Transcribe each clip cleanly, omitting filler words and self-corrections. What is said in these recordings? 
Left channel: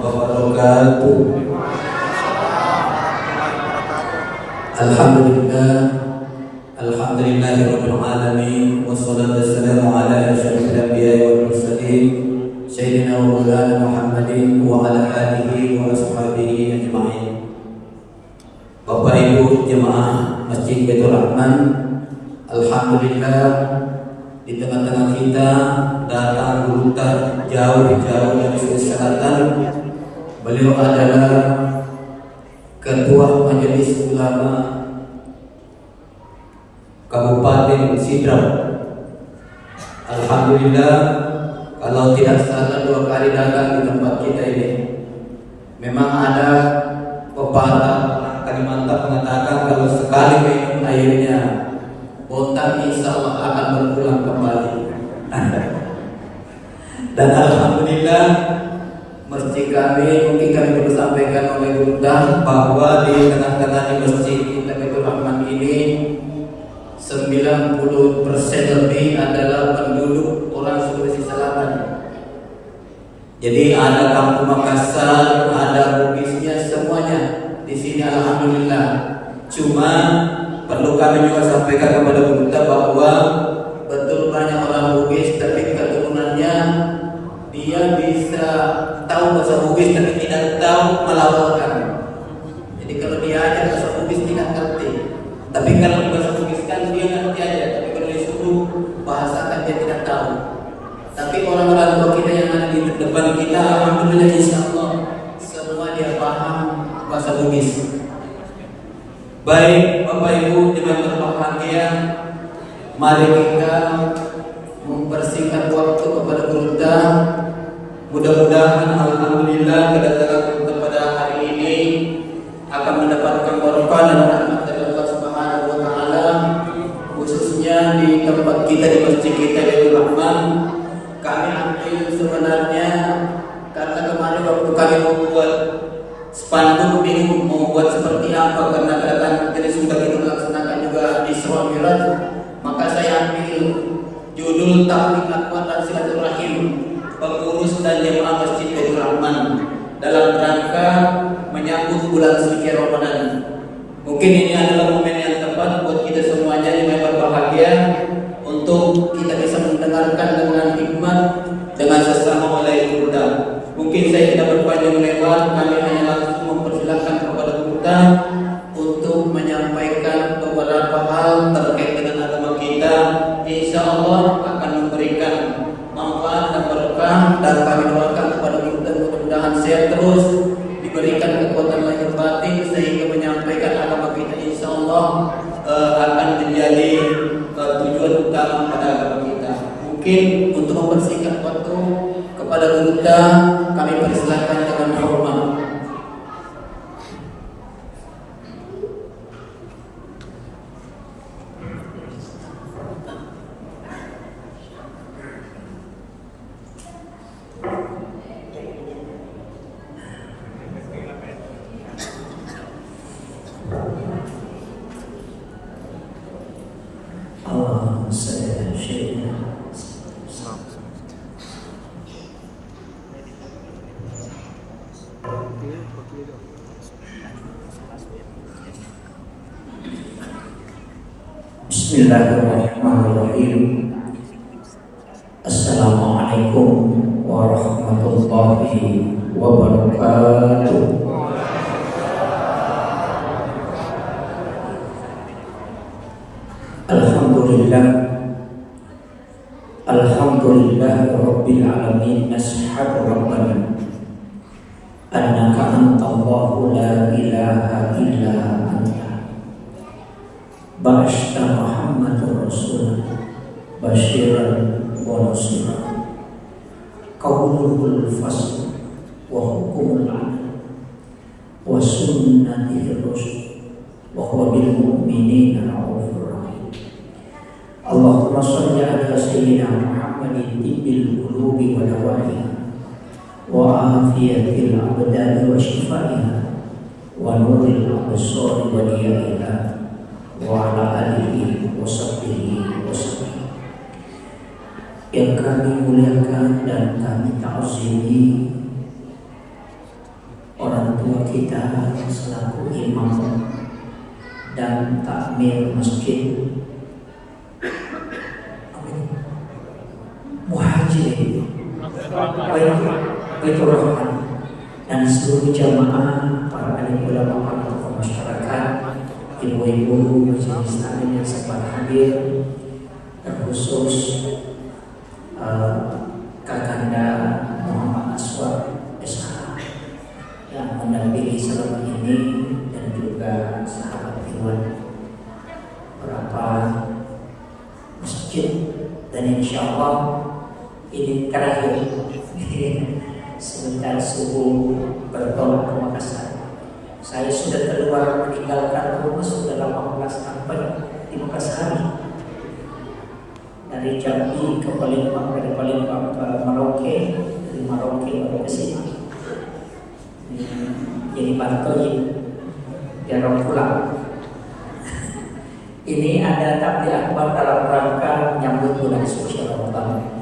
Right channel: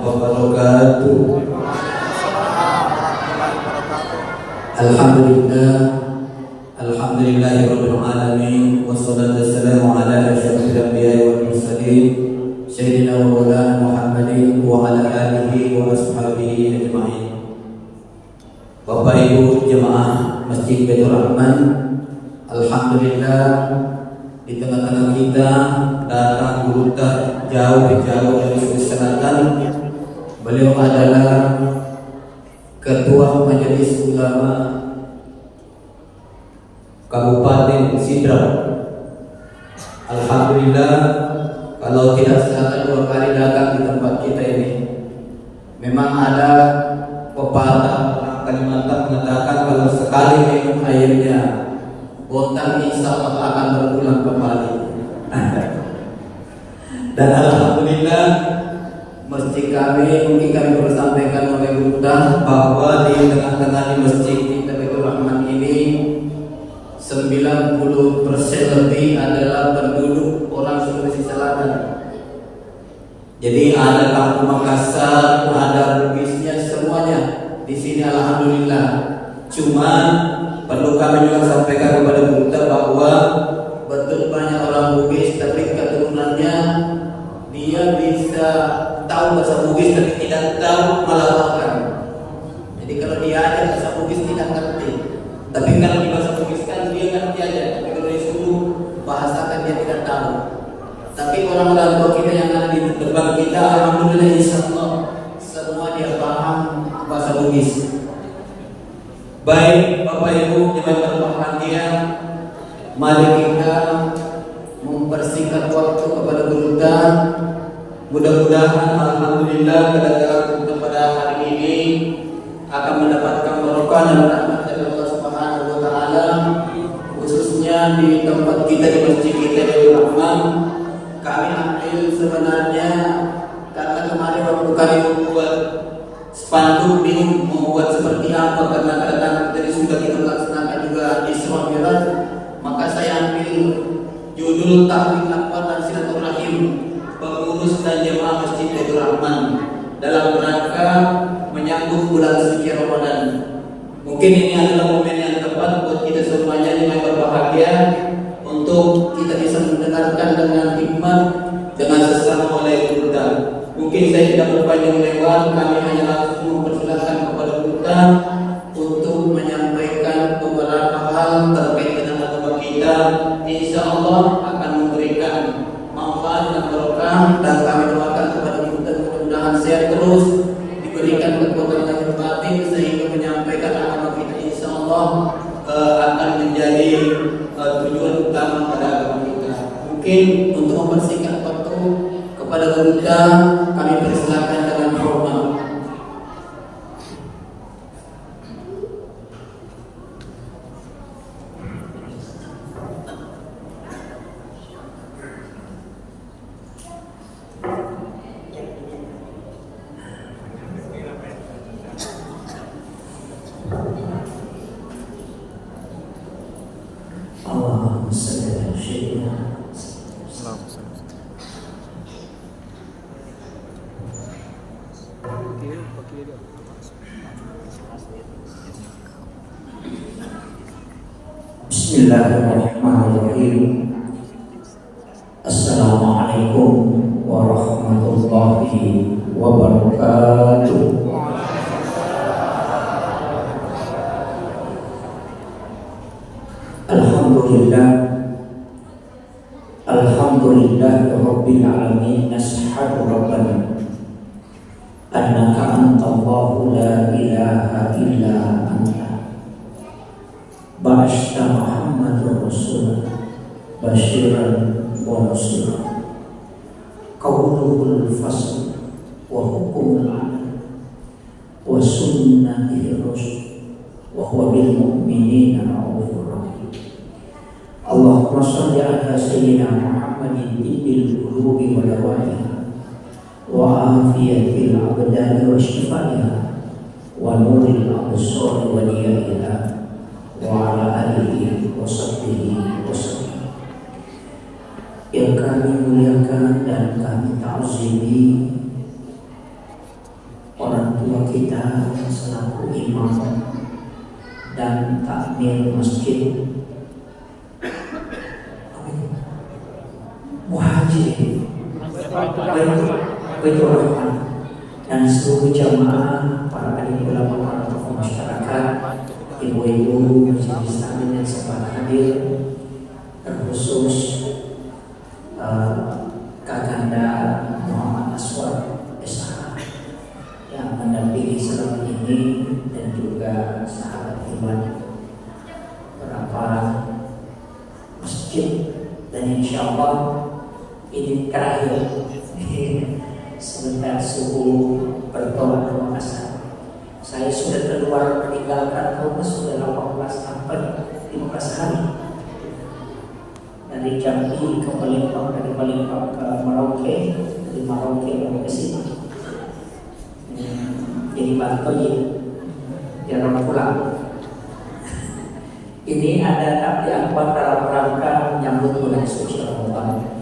wabarakatuh. Alhamdulillah, alhamdulillahirabbil alamin, wassalatu wassalamu ala asyrofil anbiya'i wal mursalin sayyidina wa maulana Muhammadin wa ala alihi wa ashabihi ajma'in. Bapak Ibu jemaah Masjid Baitur Rahman, alhamdulillah di tengah-tengah kita datang guru jauh dari Sulawesi Selatan. Beliau adalah Ketua Majelis Ulama Kabupaten Sidrap. Alhamdulillah, kalau tidak salah 2 kali datang di tempat kita ini. Memang ada pepatah Kalimantan mengatakan kalau sekali minum airnya botak, insya Allah akan berulang kembali. Dan alhamdulillah, masjid kami, mungkin kami perlu sampaikan oleh Buddha bahwa di tengah-tengah di masjid kita Baitur Rahman ini 90% lebih adalah penduduk orang Sulawesi Selatan. Jadi ada kampung Makassar, ada Bugisnya, semuanya di sini alhamdulillah. Cuma perlu kami juga sampaikan kepada Buddha bahwa betul banyak orang Bugis tapi keturunannya dia bisa tahu bahasa Bugis tapi tidak tahu melafalkan. Jadi kalau dia aja bahasa Bugis tidak ngerti. Tapi kalau di bahasa Bugis kan dia ngerti aja. Tapi kalau disuruh bahasakan dia tidak tahu. Tapi orang-orang tua kita yang ada di depan kita, alhamdulillah insyaallah semua dia paham bahasa Bugis. Baik Bapak Ibu jemaah berbahagia, mari kita mempersingkat waktu kepada Buddha. Mudah-mudahan alhamdulillah kedatangan kepada hari ini akan mendapatkan barokah dan rahmat dari Allah Subhanahu wa taala, khususnya di tempat kita, di masjid kita Baitur Rahman. Kami ambil sebenarnya karena kemarin waktu kami membuat spanduk ini membuat seperti apa, karena kadang tadi sudah kita laksanakan juga di Isra Mi'raj, maka saya ambil judul Ta'lim Akwat dan Silaturahim pengurus dan jemaah Masjid Baitur Rahman dalam rangka menyambut bulan suci Ramadan. Mungkin ini adalah momen yang tepat buat kita semuanya yang berbahagia untuk kita bisa mendengarkan dengan hikmat, dengan sesama oleh Buddha. Mungkin saya tidak berpanjang lebar, kami hanya langsung mempersilahkan kepada Buddha untuk menyampaikan beberapa hal terkait dengan agama kita. Insya Allah akan memberikan manfaat dan barokah, dan kami doakan kepada Buddha mudah-mudahan sehat terus, diberikan kekuatan lahir batin sehingga menyampaikan agama kita insya Allah akan menjadi tujuan utama pada agama kita. Mungkin untuk mempersingkat waktu kepada Buddha kami persilakan dengan hormat. Bismillahirrahmanirrahim. Assalamualaikum warahmatullahi wabarakatuh. Alhamdulillah, alhamdulillah rabbil alamin. Nashhadu rabbana annaka antallahu la ilaha illa anta ba'asta Muhammadur Rasul basyiran wa nasira. Qauluhul fasl wa hukumul adl wa sunnatihir rasul wa huwa bil mu'minina raufur rahim. Allahumma shalli ala sayyidina Muhammadin tibbil qulubi wa dawaiha wa afiyatil abdani wa shifaiha wa nuril absar wa diyaiha wa ala alihi wa sahbihi wa sallam. Yang kami muliakan dan kami ta'zimi kita selaku imam dan takmir masjid muhajir Baitur Rahman dan seluruh jamaah, para alim ulama, para tokoh masyarakat, ibu-ibu, majelis taklim yang sempat hadir, terkhusus Kakanda Muhammad Aswad SH yang mendampingi salat ini, dan juga sahabat Iwan, beberapa masjid, dan insya Allah ini terakhir. Sebentar subuh bertolak ke Makassar. Saya sudah keluar meninggalkan rumah sudah 18 sampai 15 hari. Dari Jambi ke Palembang, dari Palembang ke Merauke, dari Merauke ke sini. Jadi Bantoy, jarang pulang. Ini ada tabligh akbar dalam rangka menyambut bulan suci Ramadan.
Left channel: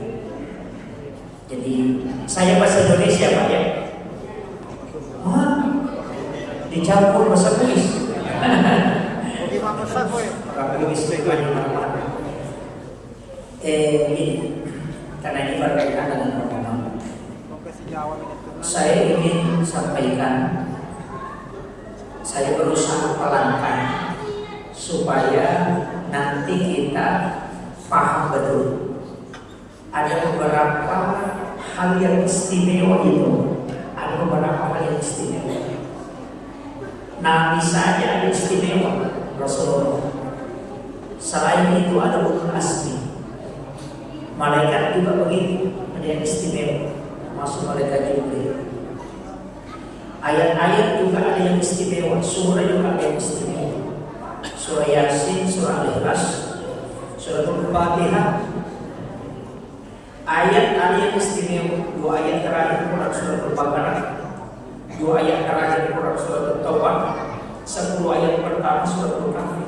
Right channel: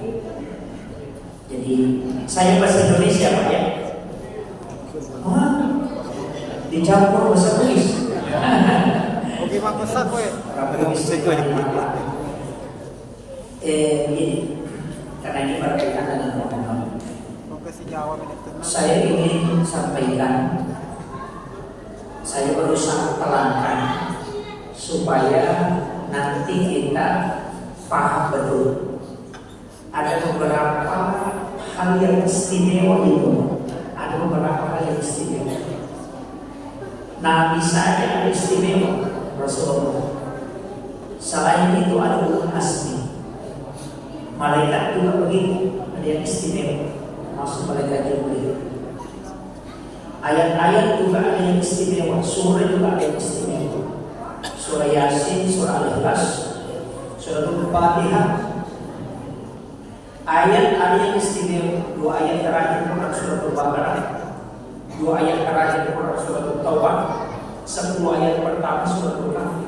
Jadi saya bahasa Indonesia Pak ya. Dicampur bahasa Inggris. Ini karena ini berkaitan dengan Ramadan. Saya ingin sampaikan, saya berusaha pelankan supaya nanti kita paham betul. Ada beberapa hal yang istimewa itu, ada beberapa hal yang istimewa. Nabi saja ada istimewa, Rasulullah. Selain itu ada ulul azmi. Malaikat juga begitu, ada yang istimewa, masuk malaikat Jibril. Ayat-ayat juga ada yang istimewa, surah juga ada yang istimewa. Surah Yasin, surah Al-Ikhlas, surah Al-Fatihah. Ayat ada yang istimewa, 2 ayat terakhir Quran surah Al-Baqarah, 2 ayat terakhir Quran surah At-Taubah, 10 ayat pertama surah Al-Kahfi,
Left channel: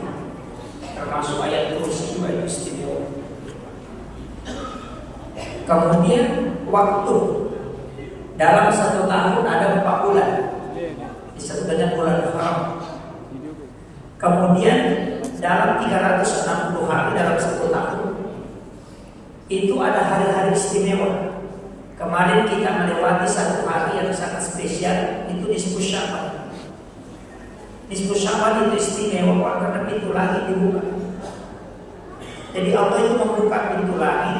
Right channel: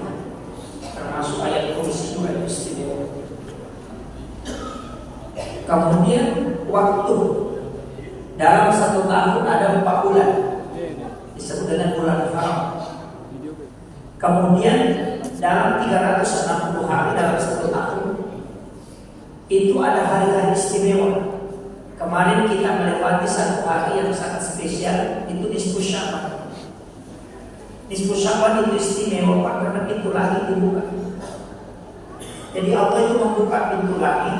termasuk ayat kursi juga yang istimewa. Kemudian waktu dalam 1 tahun ada 4 bulan disebut dengan bulan Haram. Kemudian dalam 360 hari dalam 1 tahun itu ada hari-hari istimewa. Kemarin kita melewati 1 hari yang sangat spesial, itu Nisfu Sya'ban. Nisfu Sya'ban itu istimewa karena pintu langit dibuka. Jadi Allah itu membuka pintu langit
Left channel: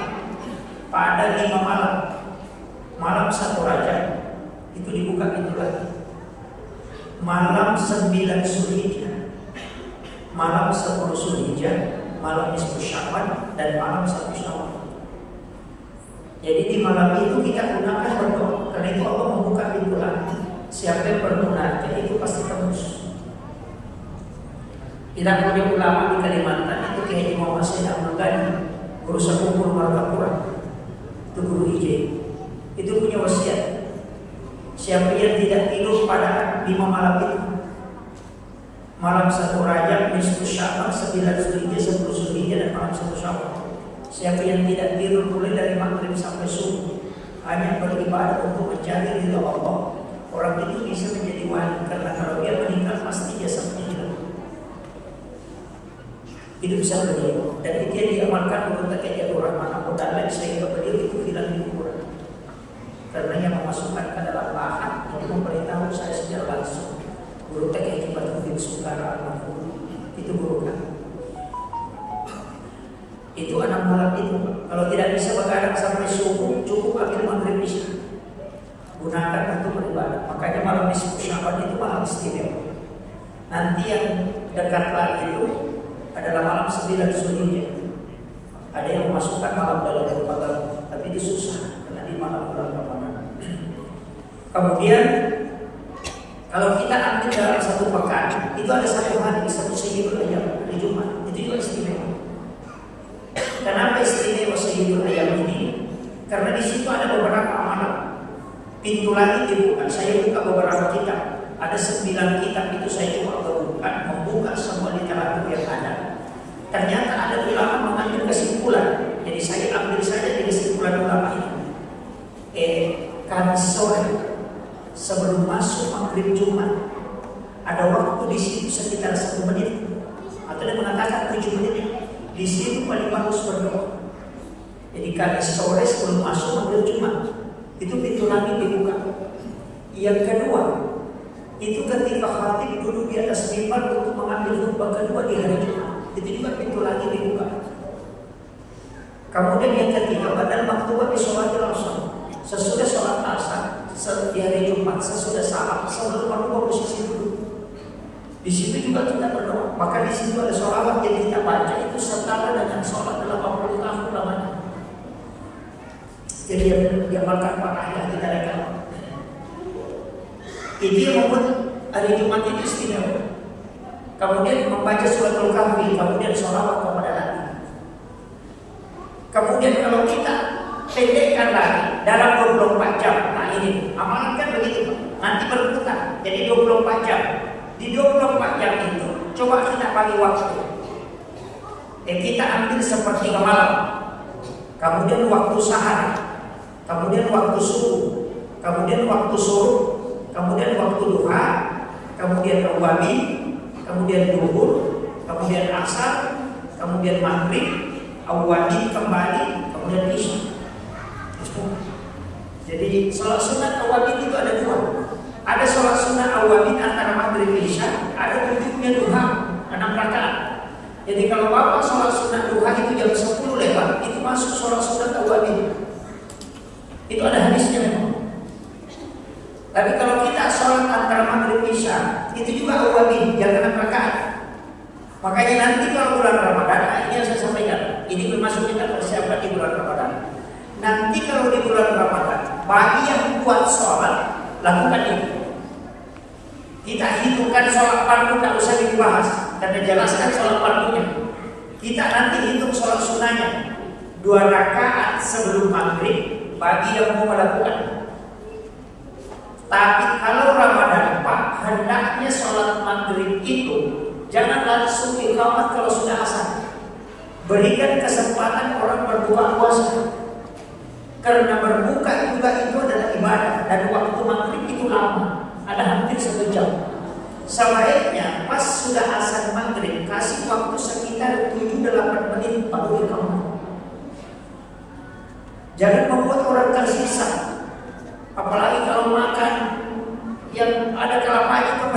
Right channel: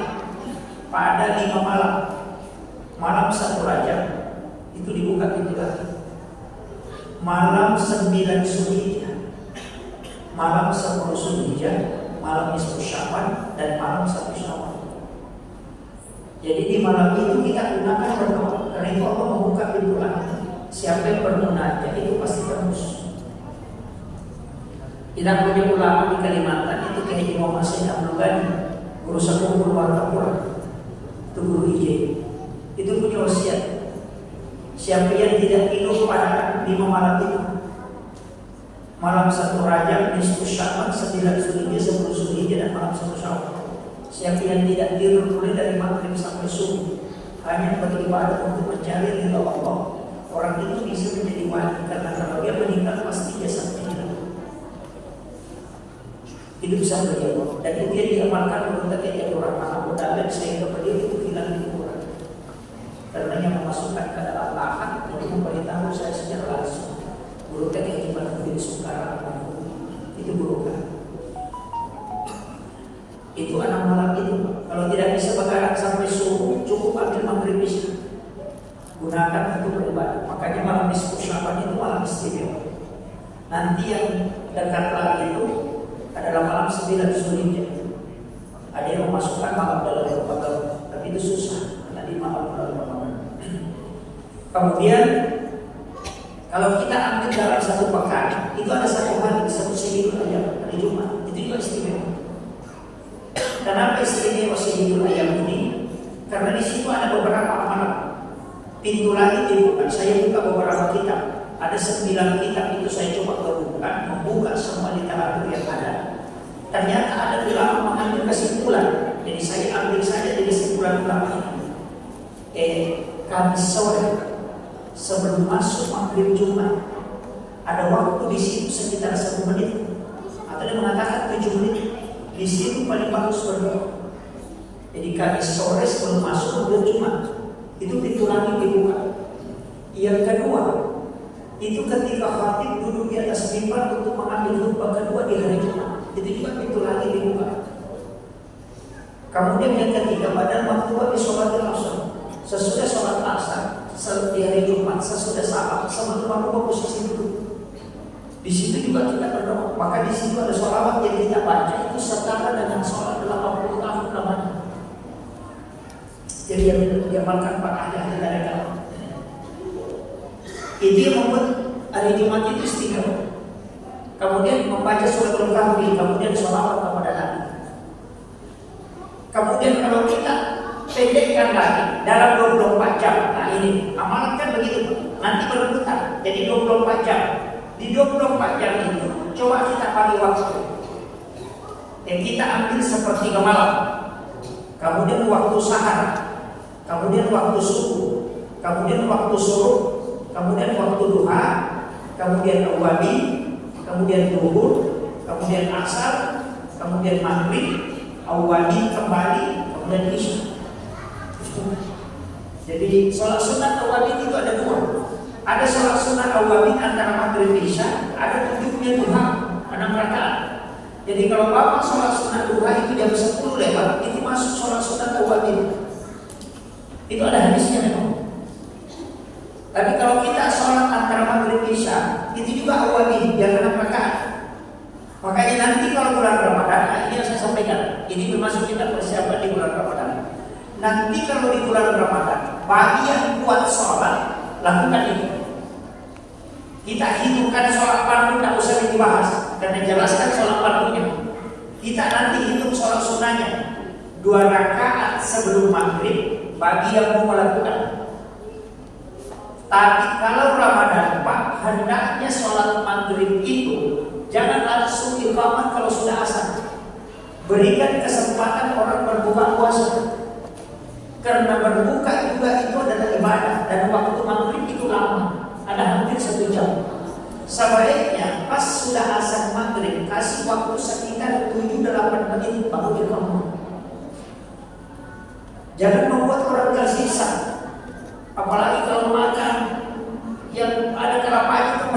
pada 5 malam. Malam 1 Rajab itu dibuka pintu langit. Malam 9 Zulhijjah, malam 10 Zulhijjah, malam Nisfu Sya'ban, dan malam 1 Syawal. Jadi di malam itu kita gunakan berdoa, karena itu Allah membuka pintu langit. Siapa yang bermunajat itu pasti tembus. Kita punya ulama di Kalimantan itu kayak Imam Hasan Abdul Ghani, guru Sakum Guru Martapura, itu guru IJ. Itu punya wasiat. Siapa yang tidak tidur pada 5 malam itu, malam 1 Rajab, Nisfu Sya'ban, 9 Zulhijjah, 10 Zulhijjah, dan malam 1 Syawal. Siapa yang tidak tidur mulai dari maghrib sampai subuh hanya beribadah untuk mencari ridha Allah, orang itu bisa menjadi wali, karena kalau dia meninggal pasti dia sampai hilang. Itu bisa beliau, dan itu yang diamalkan menurut Kiai Abdul Rahman Abu Dalil, sehingga beliau itu hilang di kuburan. Karena yang memasukkan ke dalam lahan yang memberitahu saya secara langsung, guru Kiai Jibril Sukara itu guru kan. Itu 6 malam itu. Kalau tidak bisa begadang sampai subuh, cukup ambil maghrib isya, gunakan untuk beribadah. Makanya malam Nisfu Sya'ban itu malam istimewa. Nanti yang dekat lagi itu adalah malam 9 Zulhijjah. Ada yang memasukkan malam dalam Ramadan, tapi itu susah karena di malam bulan Ramadan. Kemudian kalau kita ambil dalam 1 pekan, itu ada 1 hari, 1 Sayyidul Ayyam, hari Jumat, itu juga istimewa. Kenapa istimewa Sayyidul Ayyam ini? Karena di situ ada beberapa amalan. Pintu langit dibuka. Saya buka beberapa kitab. Ada 9 kitab itu saya coba membuka semua literatur yang ada. Ternyata ada ulama mengambil kesimpulan. Jadi saya ambil saja di kesimpulan ulama itu. Kamis sore sebelum masuk maghrib Jumat ada waktu di situ sekitar 1 menit, atau dia mengatakan 7 menit. Di situ paling bagus berdoa. Jadi kami sore sebelum masuk ambil Jumat, itu pintu langit dibuka. Yang kedua, itu ketika khatib duduk di atas mimbar untuk mengambil khutbah kedua di hari Jumat, itu juga pintu langit dibuka. Kemudian yang ketiga, pada waktu habis sholat asar, sesudah sholat asar di hari Jumat, sesudah salam, sama teman-teman posisi duduk. Di situ juga kita berdoa. Maka di situ ada sholawat yang kita baca, itu setara dengan sholat 80 tahun namanya. Jadi yang diamalkan Pak Ayah kita rekam. Itu yang membuat hari Jumat itu istimewa. Kemudian membaca suratul Kahfi, kemudian sholawat kepada Nabi. Kemudian kalau kita pendekkan lagi dalam 24 jam, nah ini amalan kan begitu, nanti berputar jadi 24 jam. Di 24 jam itu coba kita bagi waktu. Kita ambil sepertiga malam, kemudian waktu sahar, kemudian waktu subuh, kemudian waktu suruh, kemudian waktu duha, kemudian awwabi, kemudian duhur, kemudian asar, kemudian maghrib, awwabi kembali, kemudian isya. Jadi sholat sunat awwabi itu ada 2. Ada sholat sunat awwabi antara maghrib isya, ada 7-nya duha 6 rakaat. Jadi kalau Bapak sholat sunat duha itu jam 10 lewat, itu masuk sholat sunat awwabi. Itu ada hadisnya memang. Tapi kalau kita sholat antara maghrib isya, itu juga awwabi, jam 6 rakaat. Makanya nanti kalau bulan Ramadan, ini yang saya sampaikan, ini termasuk kita persiapan di bulan Ramadan. Nanti kalau di bulan Ramadan, bagi yang buat sholat, lakukan ini. Kita hitungkan sholat fardu, tidak usah dibahas, karena jelaskan sholat fardunya. Kita nanti hitung sholat sunnahnya, 2 rakaat sebelum maghrib, bagi yang mau melakukan. Tapi kalau Ramadan Pak, hendaknya sholat maghrib itu jangan langsung iqamah kalau sudah asar. Berikan kesempatan orang berbuka puasa. Karena berbuka juga itu adalah ibadah, dan waktu maghrib itu lama, ada hampir 1 jam. Sebaiknya pas sudah asar maghrib kasih waktu sekitar 7-8 menit baru iqamah. Jangan membuat orang tersisa. Apalagi kalau makan yang ada kelapanya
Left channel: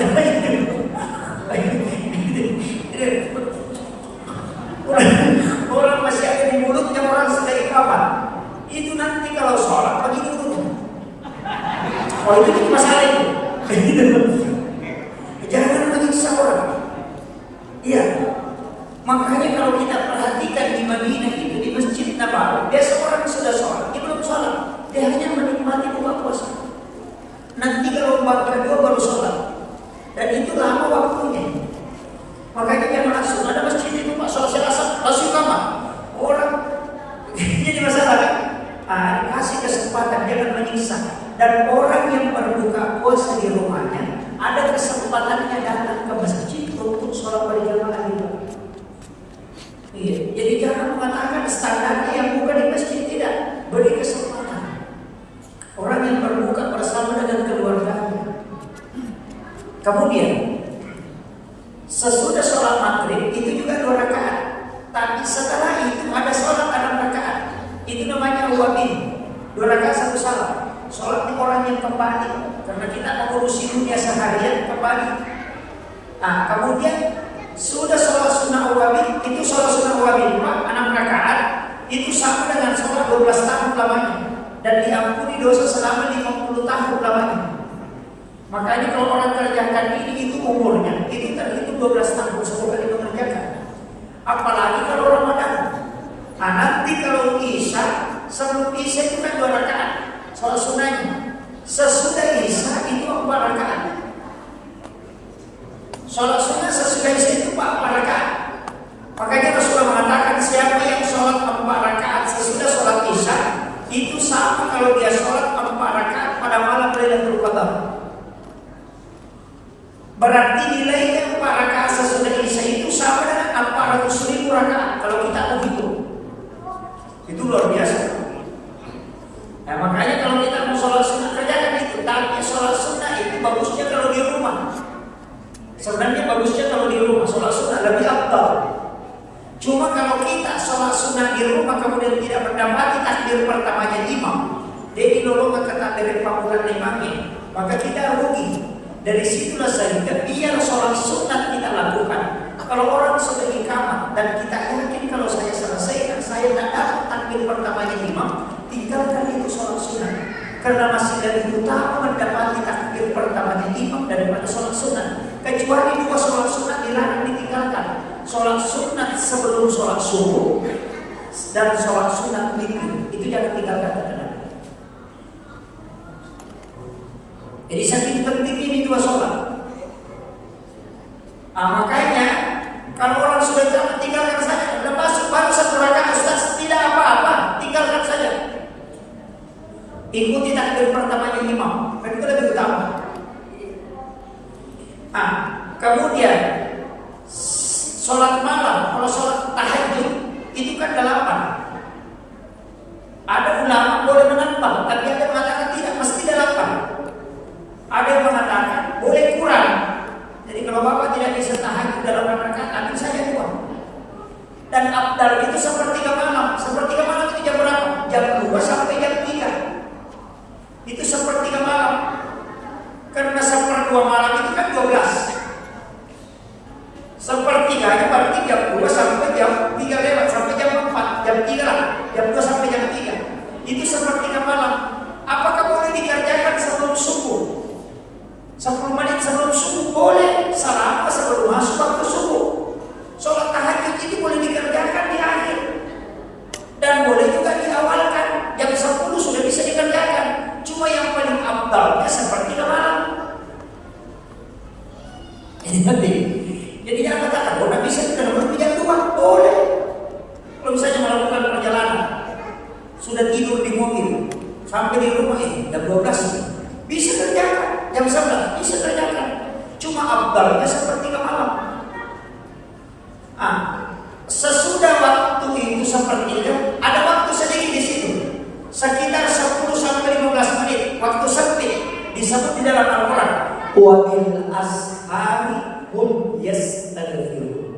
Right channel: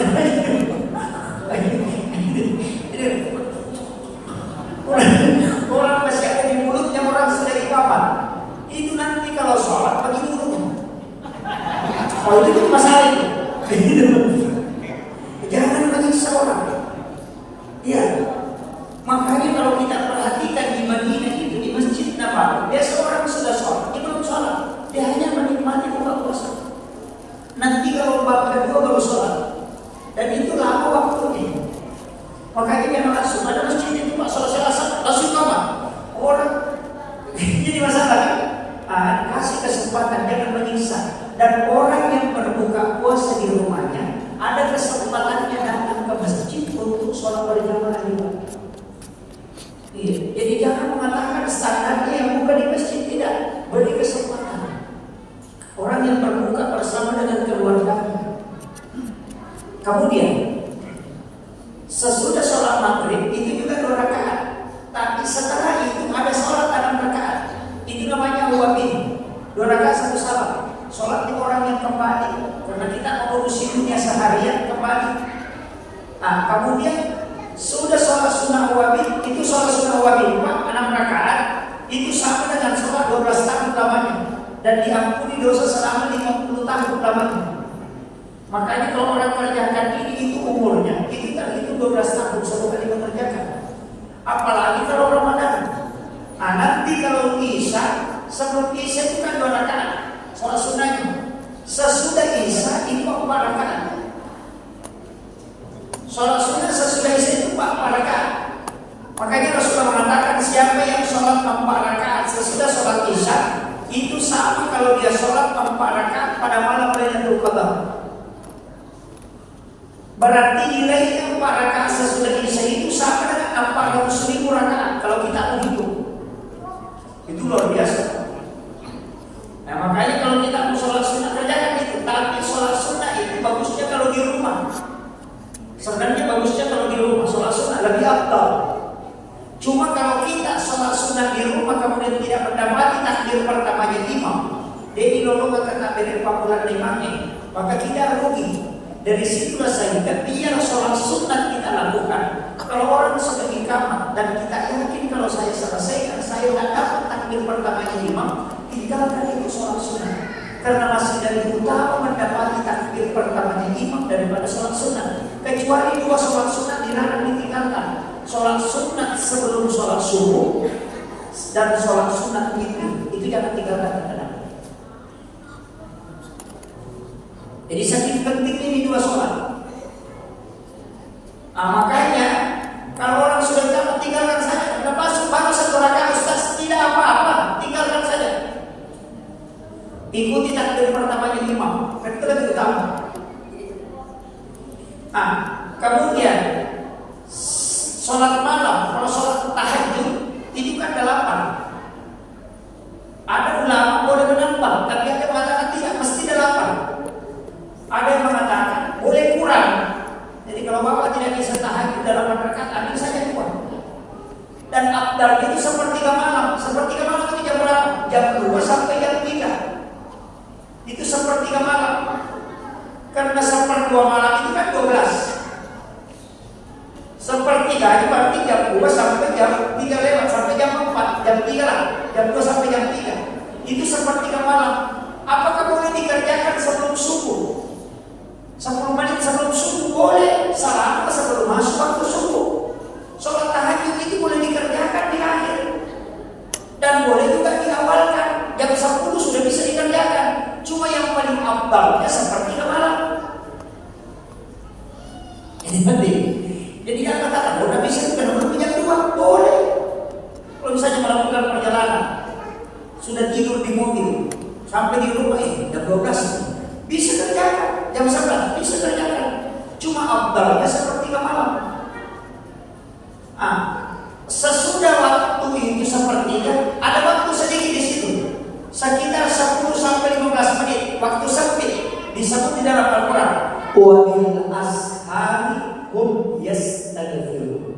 orang masih ada di mulutnya, orang sudah iqamah. Itu nanti kalau sholat begini dulu. Oh itu masalah itu. Jangan menyiksa orang. Iya. Makanya kalau kita perhatikan di Madinah itu, di Masjid Nabawi, biasa orang sudah sholat, dia belum sholat, dia hanya menikmati buka puasa. Nanti kalau bab kedua baru sholat, dan itu lama waktunya. Makanya jangan langsung ada masjid itu Pak sholat asar langsung kamar. Orang jadi masalah kan? Kasih kesempatan, jangan menyiksa. Dan orang yang berbuka puasa di rumahnya ada kesempatannya datang ke masjid untuk sholat berjamaah juga. Iya. Jadi jangan mengatakan standarnya yang bukan di masjid, tidak. Beri kesempatan. Orang yang berbuka bersama dengan keluarganya. Kemudian sesudah sholat maghrib itu juga 2 rakaat. Tapi setelah itu ada sholat 6 rakaat. Itu namanya awwabi. 2 rakaat 1 salam. Sholat orang yang kembali, karena kita mengurusi dunia seharian kembali. Nah, kemudian sudah sholat sunnah awwabi, itu sholat sunnah awwabi 6 rakaat, itu sama dengan sholat 12 tahun lamanya, dan diampuni dosa selama 50 tahun lamanya. Makanya kalau orang kerjakan ini, itu umurnya, itu terhitung 12 tahun semoga dia mengerjakan. Apalagi kalau Ramadan. Nah, nanti kalau Isya, sebelum Isya itu kan 2 rakaat sholat sunnahnya. Sesudah Isya itu 4 rakaat. Sholat sunnah sesudah Isya itu 4 rakaat. Makanya Rasulullah mengatakan siapa yang sholat 4 rakaat sesudah sholat Isya, itu sama kalau dia sholat 4 rakaat pada malam Lailatul Qadar. Berarti nilainya 4 rakaat sesudah Isya itu sama dengan 400.000 rakaat kalau kita menghitung. Itu luar biasa. Nah, makanya kalau kita mau sholat sunnah kerjakan itu. Tapi sholat sunnah itu bagusnya kalau di rumah. Sebenarnya bagusnya kalau di rumah sholat sunnah lebih afdal. Cuma kalau kita sholat sunnah di rumah kemudian tidak mendapati takbir pertamanya imam, jadi lolongan ke takbir panggilan imamnya, maka kita rugi. Dari situlah sehingga biar sholat sunnah kita lakukan. Kalau orang sudah iqamah dan kita yakin kalau saya selesaikan, saya tidak dapat takbir pertamanya imam, tinggalkan itu sholat sunnah. Karena masih lebih utama mendapati takbir pertamanya imam daripada sholat sunnah. Kecuali dua sholat sunnah dilarang ditinggalkan. Sholat sunnah sebelum sholat subuh dan sholat sunnah itu jangan tinggalkan. Jadi saking pentingnya ini dua sholat. Makanya kalau orang sudah jalan tinggalkan saja. Lepas baru satu rakaat Ustaz, tidak apa-apa, tinggalkan saja. Ikuti takbir pertamanya imam, itu lebih utama. Kemudian sholat malam, kalau sholat tahajud itu kan 8. Ada ulama boleh menambah, tapi ada yang mengatakan tidak mesti 8. Ada yang mengatakan boleh kurang. Jadi kalau bapak tidak bisa tahajud dalam rakaat, ambil saja 2. Dan afdal itu sepertiga malam. Sepertiga malam itu jam berapa? Jam 2 sampai jam 3. Itu sepertiga malam. Karena 1/2 malam itu kan 12. Sepertiganya berarti jam 2 sampai jam 3 lewat, sampai jam 4, jam 3 lah. Jam 2 sampai jam 3. Itu sepertiga malam. Apakah boleh dikerjakan sebelum subuh? 10 menit sebelum subuh boleh, salat sebelum masuk waktu subuh. Sholat tahajud itu boleh dikerjakan di akhir dan boleh juga diawalkan. Jam 10 sudah bisa dikerjakan. Cuma yang paling afdalnya sepertiga malam. Ini penting. Jadi jangan katakan, kalau tidak bisa kita menunggu jam 2 boleh. Kalau misalnya melakukan perjalanan, sudah tidur di mobil, sampai di rumah jam 12 bisa kerjakan. Jam 11 bisa kerjakan. Cuma afdalnya sepertiga malam. Sesudah waktu itu sepertiga, ada waktu sedikit di situ, sekitar 10 sampai 15 menit, waktu sempit disebut di dalam Al-Quran. Wa bil ashari hum yastaghfirun.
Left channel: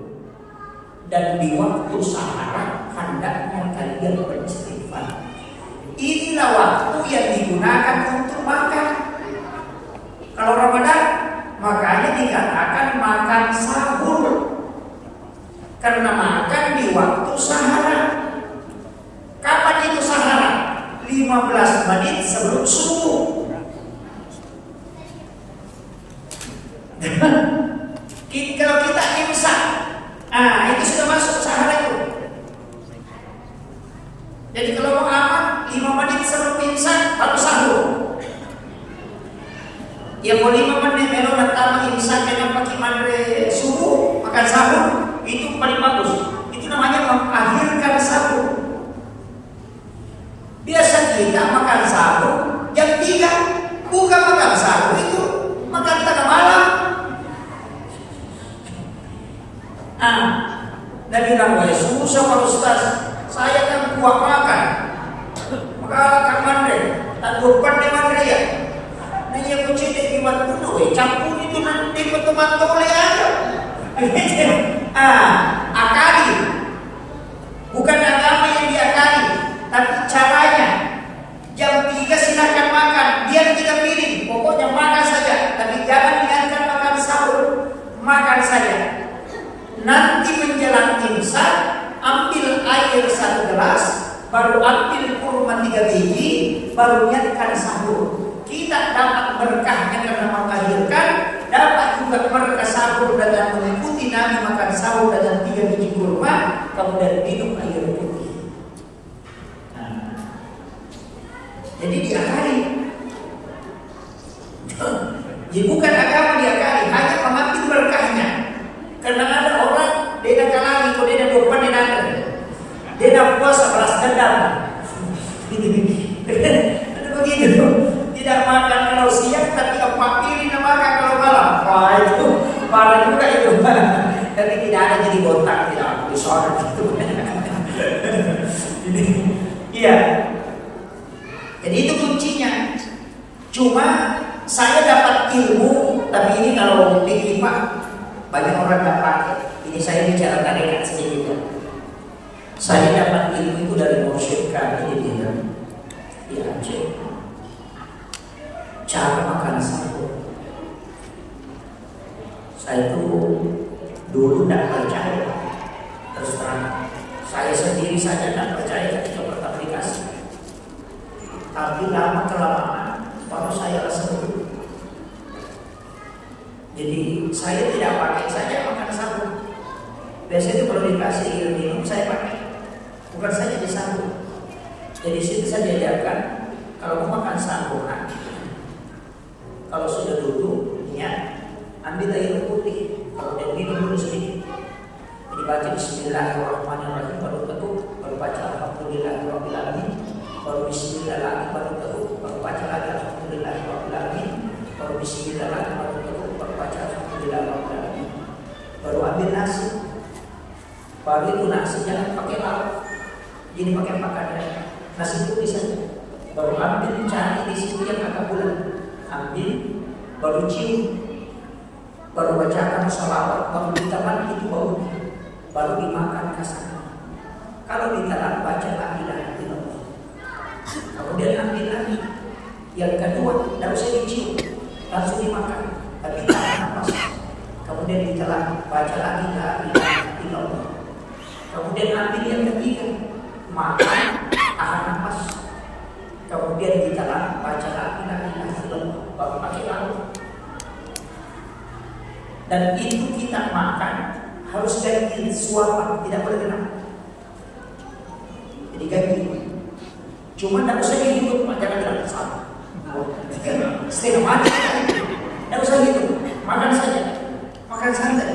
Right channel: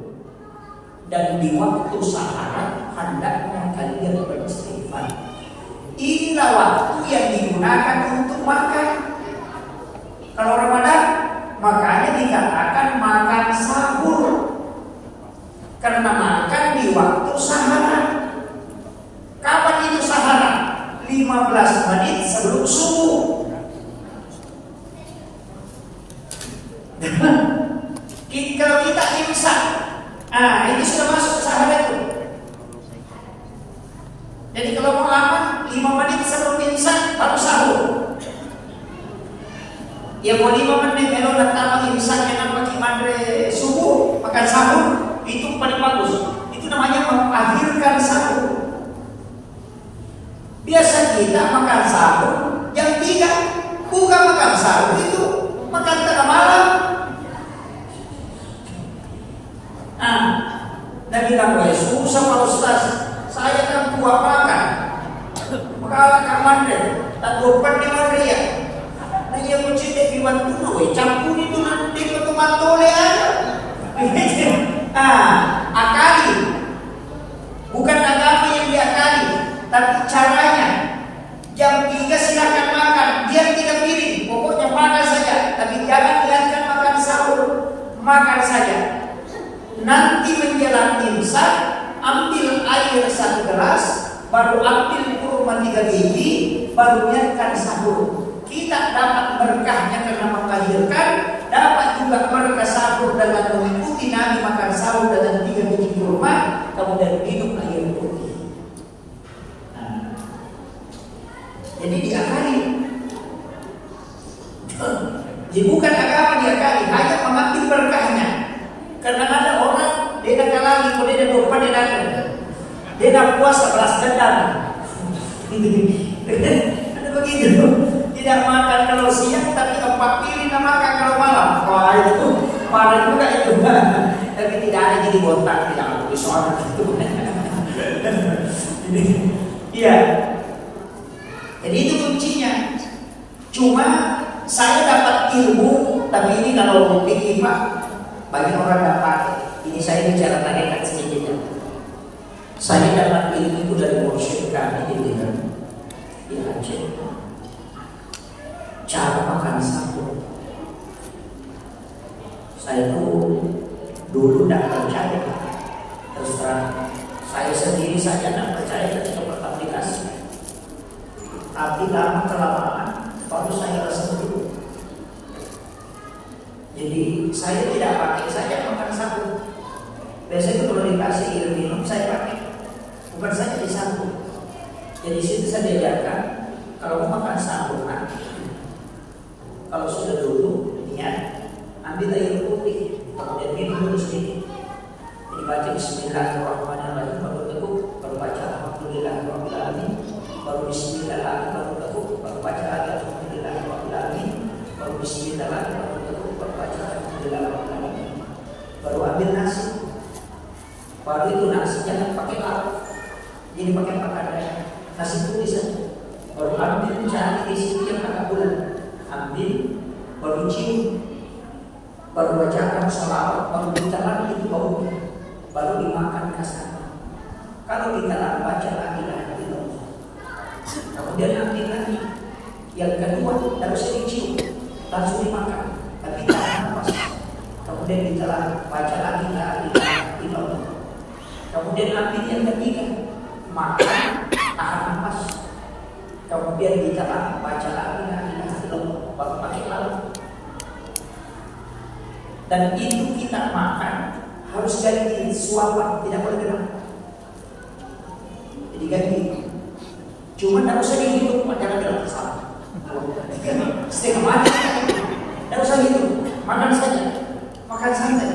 Dan di waktu sahara hendaknya kalian beristighfar. Inilah waktu yang digunakan untuk makan. Kalau Ramadan, makanya dikatakan makan sahur. Karena makan di waktu sahara. Kapan itu sahara? 15 menit sebelum subuh. Kalau kita imsak, itu sudah masuk sahara itu. Jadi kalau mau aman, 5 menit sebelum imsak baru sahur. Ya mau 5 menit kalau pertama imsak yang nampak imandre subuh makan sahur itu paling bagus. Itu namanya mengakhirkan sahur. Biasa kita makan sahur jam 3, bukan makan sahur itu makan tengah malam. Dan bilang, susah Pak Ustaz, saya kan kuat makan. Maka akan mandek, tak dopan dia mandek ya. Nah ia mencedek di bantuan, campur itu nanti betul-betul oleh ada. Akali. Bukan agama yang diakali, tapi caranya. Jam 3 silakan makan, dia tidak pilih. Pokoknya makan saja, tapi jangan diantar makan sahur. Makan saja. Nanti menjelang imsak, ambil air 1 gelas, baru ambil kurma 3 biji, baru niatkan sahur. Kita dapat berkahnya karena mengakhirkan, dapat juga berkah sahur dengan mengikuti Nabi makan sahur dengan 3 biji kurma, kemudian minum air putih. Jadi diakali. Jadi bukan agama diakali, hanya mengambil berkahnya. Karena ada orang dia nak lagi, kalau dia dopan dia nak, dia nak puasa belas dendam. Ada begitu. Tidak makan kalau siang, tapi 4 piring nak makan kalau malam. Wah itu parah juga itu. Tapi tidak ada jadi botak, tidak ada suara gitu. Iya. Jadi itu kuncinya. Cuma saya dapat ilmu, tapi ini kalau pikir Pak, Banyak orang nggak pakai. Ini saya bicara tarekat sedikit ya. Saya dapat ilmu itu dari mursyid kami di Aceh. Cara makan sahur. Saya itu dulu tidak percaya. Terus terang, saya sendiri saja tidak percaya ketika pertama dikasih. Tapi lama kelamaan baru saya rasa betul. Jadi saya tidak pakai saja makan sahur. Biasanya kalau dikasih air minum saya pakai, bukan saja di sahur. Jadi situ saya diajarkan kalau mau makan sahur, kalau sudah duduk niat ambil air putih, kemudian minum dulu sedikit. Jadi baca Bismillahirrahmanirrahim, baru tekuk, baru baca Alhamdulillahirrahmanirrahim, baru Bismillahirrahmanirrahim, baru tekuk, baru baca lagi Alhamdulillahirrahmanirrahim, baru Bismillahirrahmanirrahim, baru tekuk, baru baca Alhamdulillahirrahmanirrahim, baru ambil nasi. Baru itu nasi jangan pakai lauk, jadi pakai makanan nasi putih saja. Baru ambil cari di situ yang agak bulan, ambil, baru cium, baru bacakan sholawat, baru ditelan itu baru dimakan kasar. Kalau ditelan baca la ilaha illallah. Kemudian ambil lagi, yang kedua tidak usah dicium, langsung dimakan, tapi tahan nafas. Kemudian ditelan baca lagi la ilaha illallah. Kemudian ambil yang ketiga, makan, tahan nafas. Kemudian ditelan baca la ilaha illallah, baru pakai lauk. Dan itu kita makan harus ganti suapan, tidak boleh kena. Jadi ganti. Cuma tidak usah dihidup, jangan bilang salah. Setengah mati, tidak usah hidup, makan saja, makan santai.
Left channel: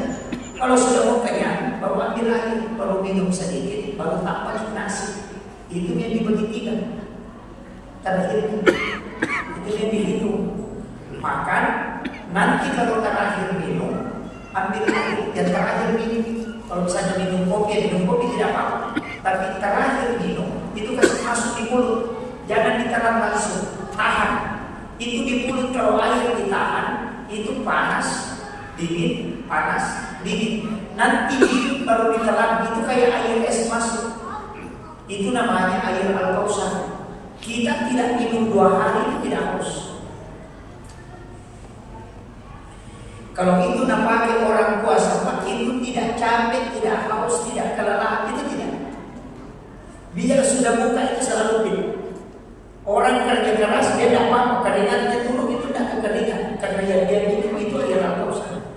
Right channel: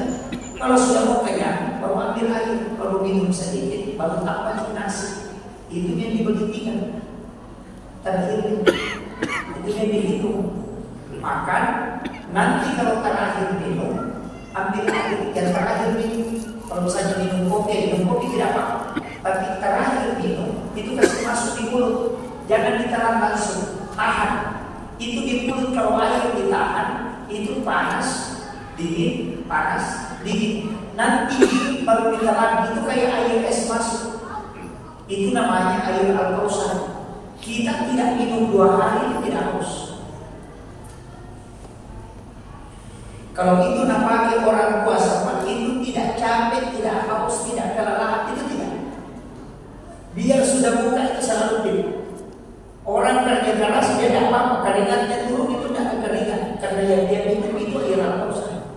Kalau sudah mau kenyang, baru ambil air, baru minum sedikit, baru tambah nasi. Itu yang dibagi tiga. Terakhir itu yang dihitung. Makan, nanti kalau terakhir minum, ambil air. Dan terakhir minum, kalau misalnya minum kopi tidak apa-apa. Tapi terakhir minum, itu kasih masuk di mulut. Jangan ditelan langsung, tahan. Itu di mulut kalau air ditahan, itu panas, dingin, panas, dingin. Nanti baru ditelan, itu kayak air es masuk. Itu namanya air Al-Kausar. Kita tidak minum 2 hari tidak haus. Kalau itu namanya orang puasa, itu tidak capek, tidak haus, tidak kelelahan, itu tidak. Biar sudah buka itu selalu dingin. Orang kerja keras dia tidak apa, keringatnya turun itu tidak kekeringan, karena yang dia minum itu air Al-Kausar.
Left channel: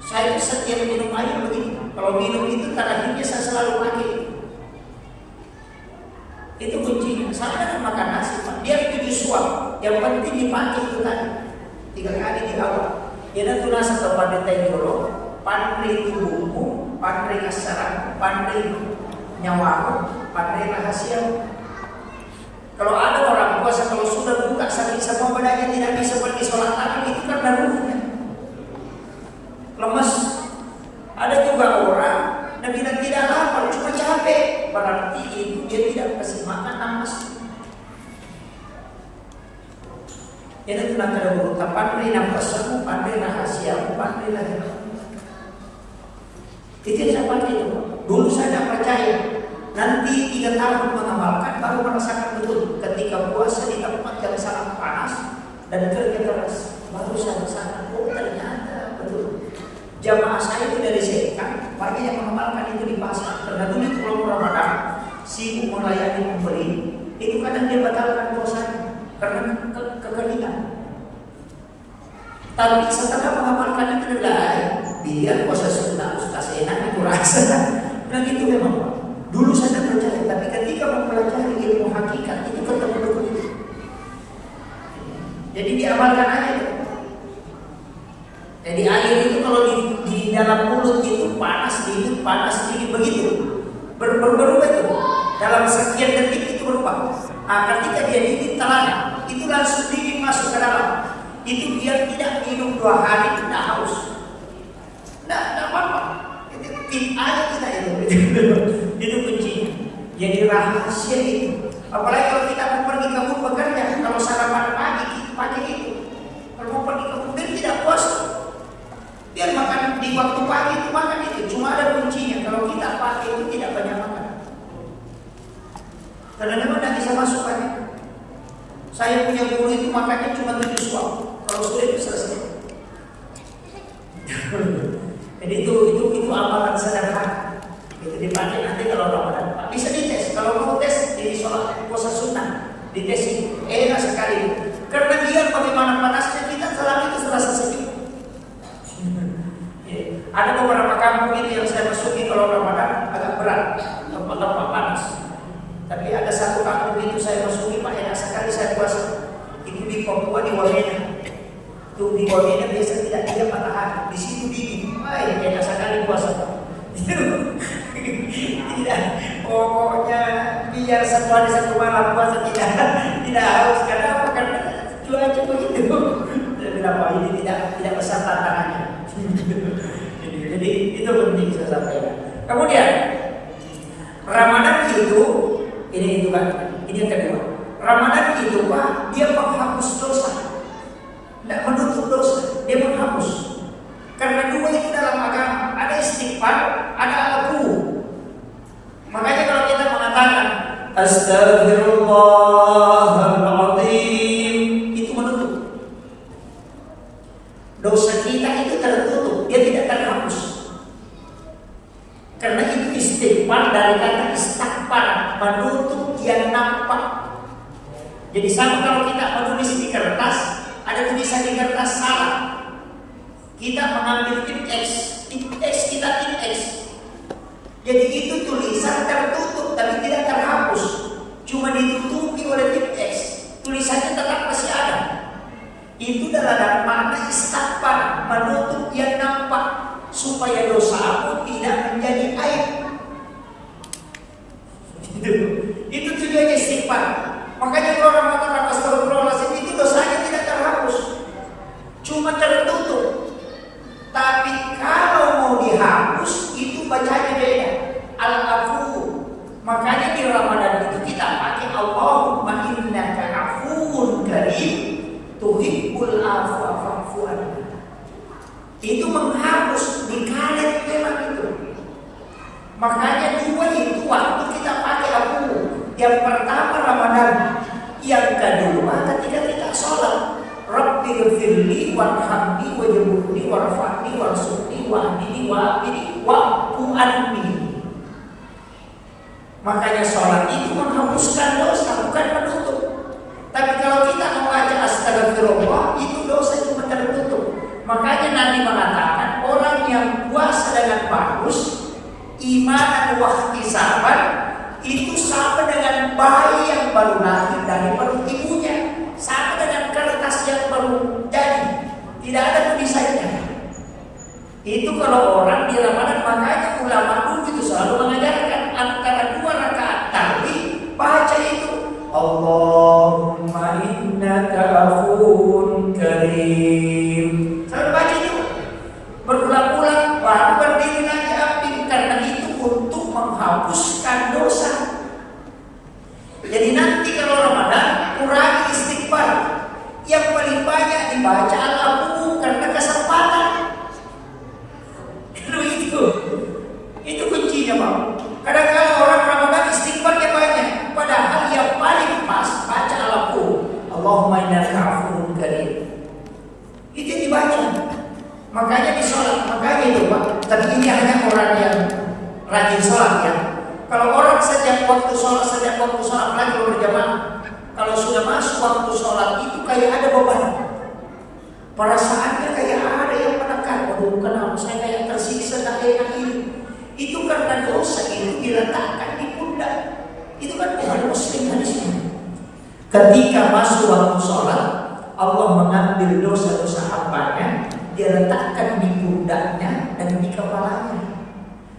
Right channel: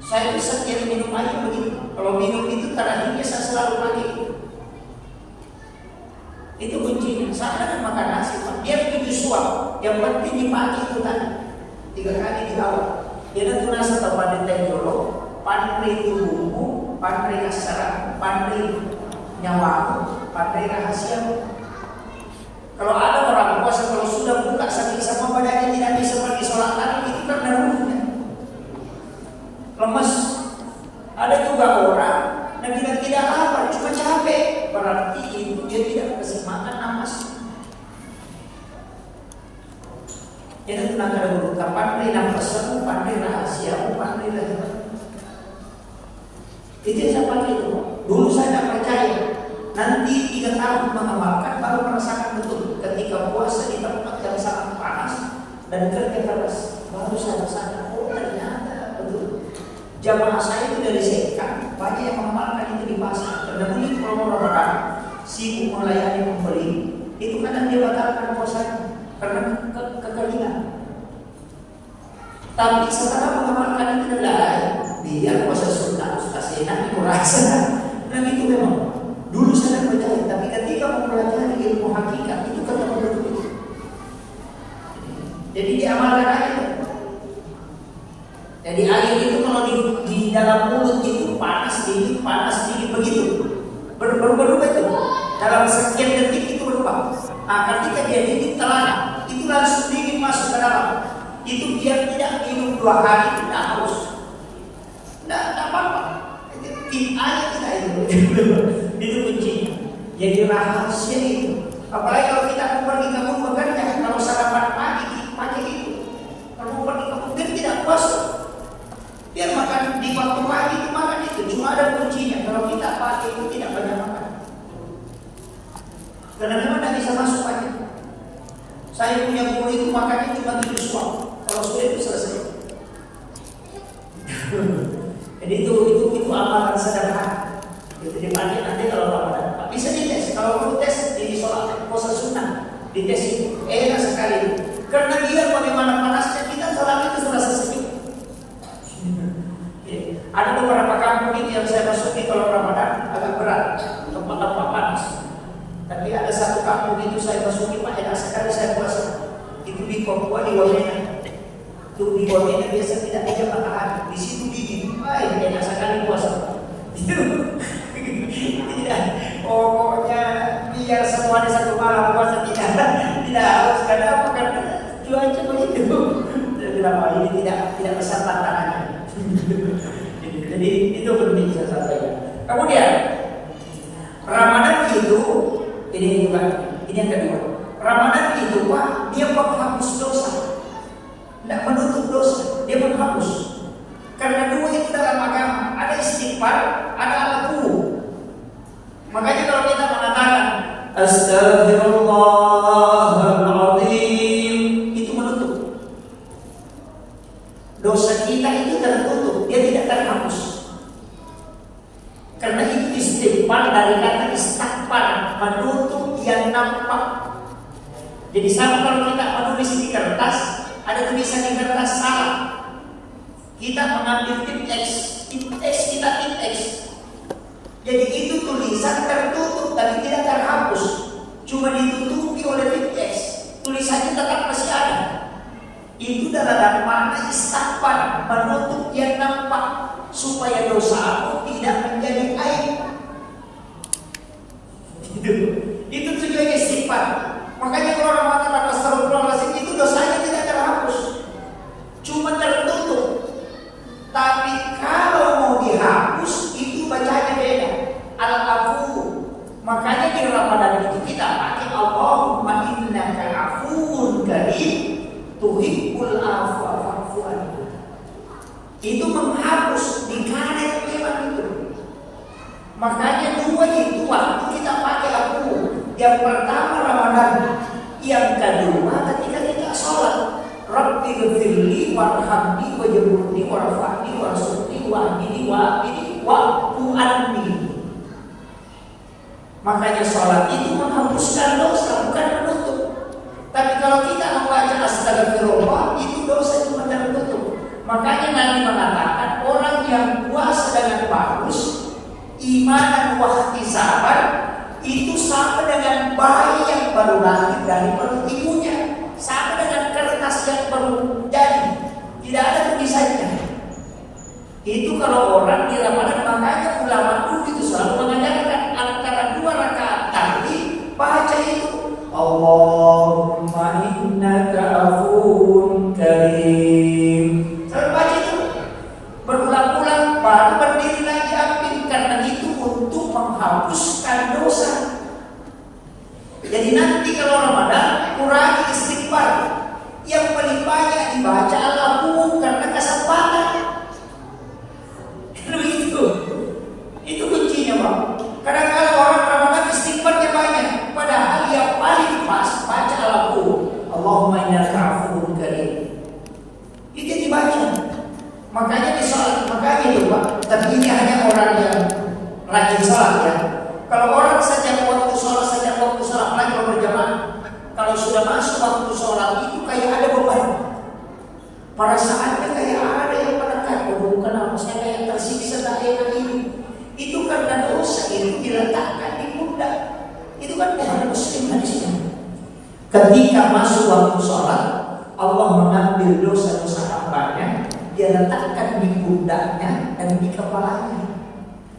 Saya setiap minum air begitu. Kalau minum itu terakhirnya saya selalu pakai. Itu kuncinya. Sama dengan makan nasi, Pak. Dia 7 suap. Yang penting dipakai itu tadi 3 kali di awal. Dia tunas atau pandai tenjolo, pandai itu bumbu, pandai asaran, pandai nyawa, pandai rahasia. Kalau ada orang puasa kalau sudah buka sakit semua badannya tidak bisa pergi sholat lagi, itu karena ruhnya lemas. Ada juga orang dan tidak lapar, cuma capek. Berarti itu dia tidak kasih makan nafas. Itu nak ada beruta pandai nafasmu, pandai rahasiamu, pandai lagi. Itu yang saya pakai itu. Dulu saya tidak percaya. Nanti 3 tahun mengamalkan baru merasakan betul. Ketika puasa di tempat yang sangat panas dan kerja keras, baru saya rasakan. Oh ternyata betul. Jamaah saya itu dari Sekan, banyak yang mengamalkan itu di pasar. Karena dulu itu kalau Ramadan sibuk melayani pembeli, itu kadang dia batalkan puasanya karena kekeringan. Tapi setelah mengamalkan itu adalah biar puasa sunnah Ustaz enak itu rasa. Dan itu memang dulu saya tidak percaya, tapi ketika mempelajari ilmu hakikat itu ketemu itu. Jadi diamalkan aja. Jadi air itu kalau di dalam mulut itu panas dingin begitu. Berubah itu. Dalam sekian detik itu berubah. Nah, ketika dia ditelan, itu langsung dingin masuk ke dalam. Itu biar tidak minum 2 hari tidak haus. Tidak apa-apa. Tim aja kita itu. Itu kuncinya. Jadi rahasia itu. Apalagi kalau kita mau pergi kebun bekerja, kalau sarapan pagi pakai itu. Kalau mau pergi kebun dia tidak puasa. Dia makan di waktu bisa masuk aja. Saya punya guru itu makannya cuma 7 suap. Kalau sudah itu selesai. Jadi itu amalan sederhana. Itu dipakai nanti kalau Ramadan. Bisa dites. Kalau mau tes di sholat puasa sunnah, dites itu enak sekali. Karena dia bagaimana panasnya kita salat itu terasa sejuk. Ada beberapa kampung itu yang saya masuki kalau Ramadan agak berat, tempat-tempat panas. Tapi ada satu kampung itu saya masuki Pak, enak sekali saya puasa. Itu di Papua, di Wamena. Tuh di Wamena biasa tidak matahari. Di situ dingin, enak sekali puasa. Tidak, pokoknya biar semua di satu malam puasa tidak harus. Karena apa? Karena cuaca begitu. Saya bilang Pak, ini tidak besar tantangannya. Jadi itu penting saya sampaikan. Kemudian Ramadan itu ini yang kedua. Ramadan itu Pak, dia menghapus dosa, tidak menutup dosa, dia menghapus. Karena dua itu dalam agama, ada istighfar, ada al-ghu. Makanya kalau kita mengatakan Astaghfirullahaladzim, itu menutup. Dosa kita itu tertutup, dia tidak terhapus. Karena itu istighfar dari kata istighfar, menutup yang nampak. Jadi sama kalau kita menulis di kertas, ada tulisan di kertas salah, kita mengambil tip X kita tip X. Jadi itu tulisan tertutup tapi tidak terhapus, cuma ditutupi oleh tip X. Tulisannya tetap masih ada. Itu dalam makna istighfar, menutup yang nampak supaya dosa aku tidak menjadi aib. Itu tujuannya istighfar. Makanya kalau orang mengatakan astagfirullahaladzim, itu dosanya tidak terhapus, cuma tertutup. Tapi kalau mau dihapus, itu bacanya beda, al-afu. Makanya di Ramadan itu kita pakai Allahumma innaka afuwun karim tuhibbul afwa fa'fu anni. Itu menghapus, dikaret memang itu. Makanya dua itu waktu kita pakai aku. Yang pertama Ramadan, yang kedua ketika kita sholat. Rabbi ghfirli warhamni wajburni warfa'ni warsuqni wahdini wa'fu anni. Makanya sholat itu menghapuskan dosa, bukan menutup. Tapi kalau kita membaca astagfirullah, itu dosa cuma tertutup. Makanya Nabi mengatakan orang yang puasa dengan bagus, iman dan wahtisaban, itu sama dengan bayi yang baru lahir dari perut ibunya, sama dengan kertas yang baru jadi, tidak ada tulisannya. Itu kalau orang di Ramadan. Makanya ulama dulu itu selalu mengajarkan antara 2 rakaat tadi baca itu Allahumma innaka afuwun karim. Selalu baca itu berulang-ulang, baru berdiri lagi ambil. Karena itu untuk menghapuskan dosa. Jadi nanti kalau Ramadan kurangi istighfar, yang paling banyak dibaca al-afu karena kesempatan. Itu kuncinya Bang. Kadang-kadang orang Ramadan istighfarnya banyak, padahal yang paling pas baca al-afu, Allahumma innaka afuwun karim. Itu dibaca. Makanya di sholat, makanya itu Pak. Tapi ini hanya orang yang rajin sholat ya. Kalau orang sejak waktu sholat, apalagi kalau berjamaah, kalau sudah masuk waktu sholat itu kayak ada beban. Perasaannya kayak ada yang menekan. Bukan apa, saya kayak tersiksa kayak ini. Itu karena dosa itu diletakkan di pundak. Itu kan bukan muslim di sini. Ketika masuk waktu sholat, Allah mengambil dosa-dosa hambanya, dia letakkan di pundaknya dan di kepalanya.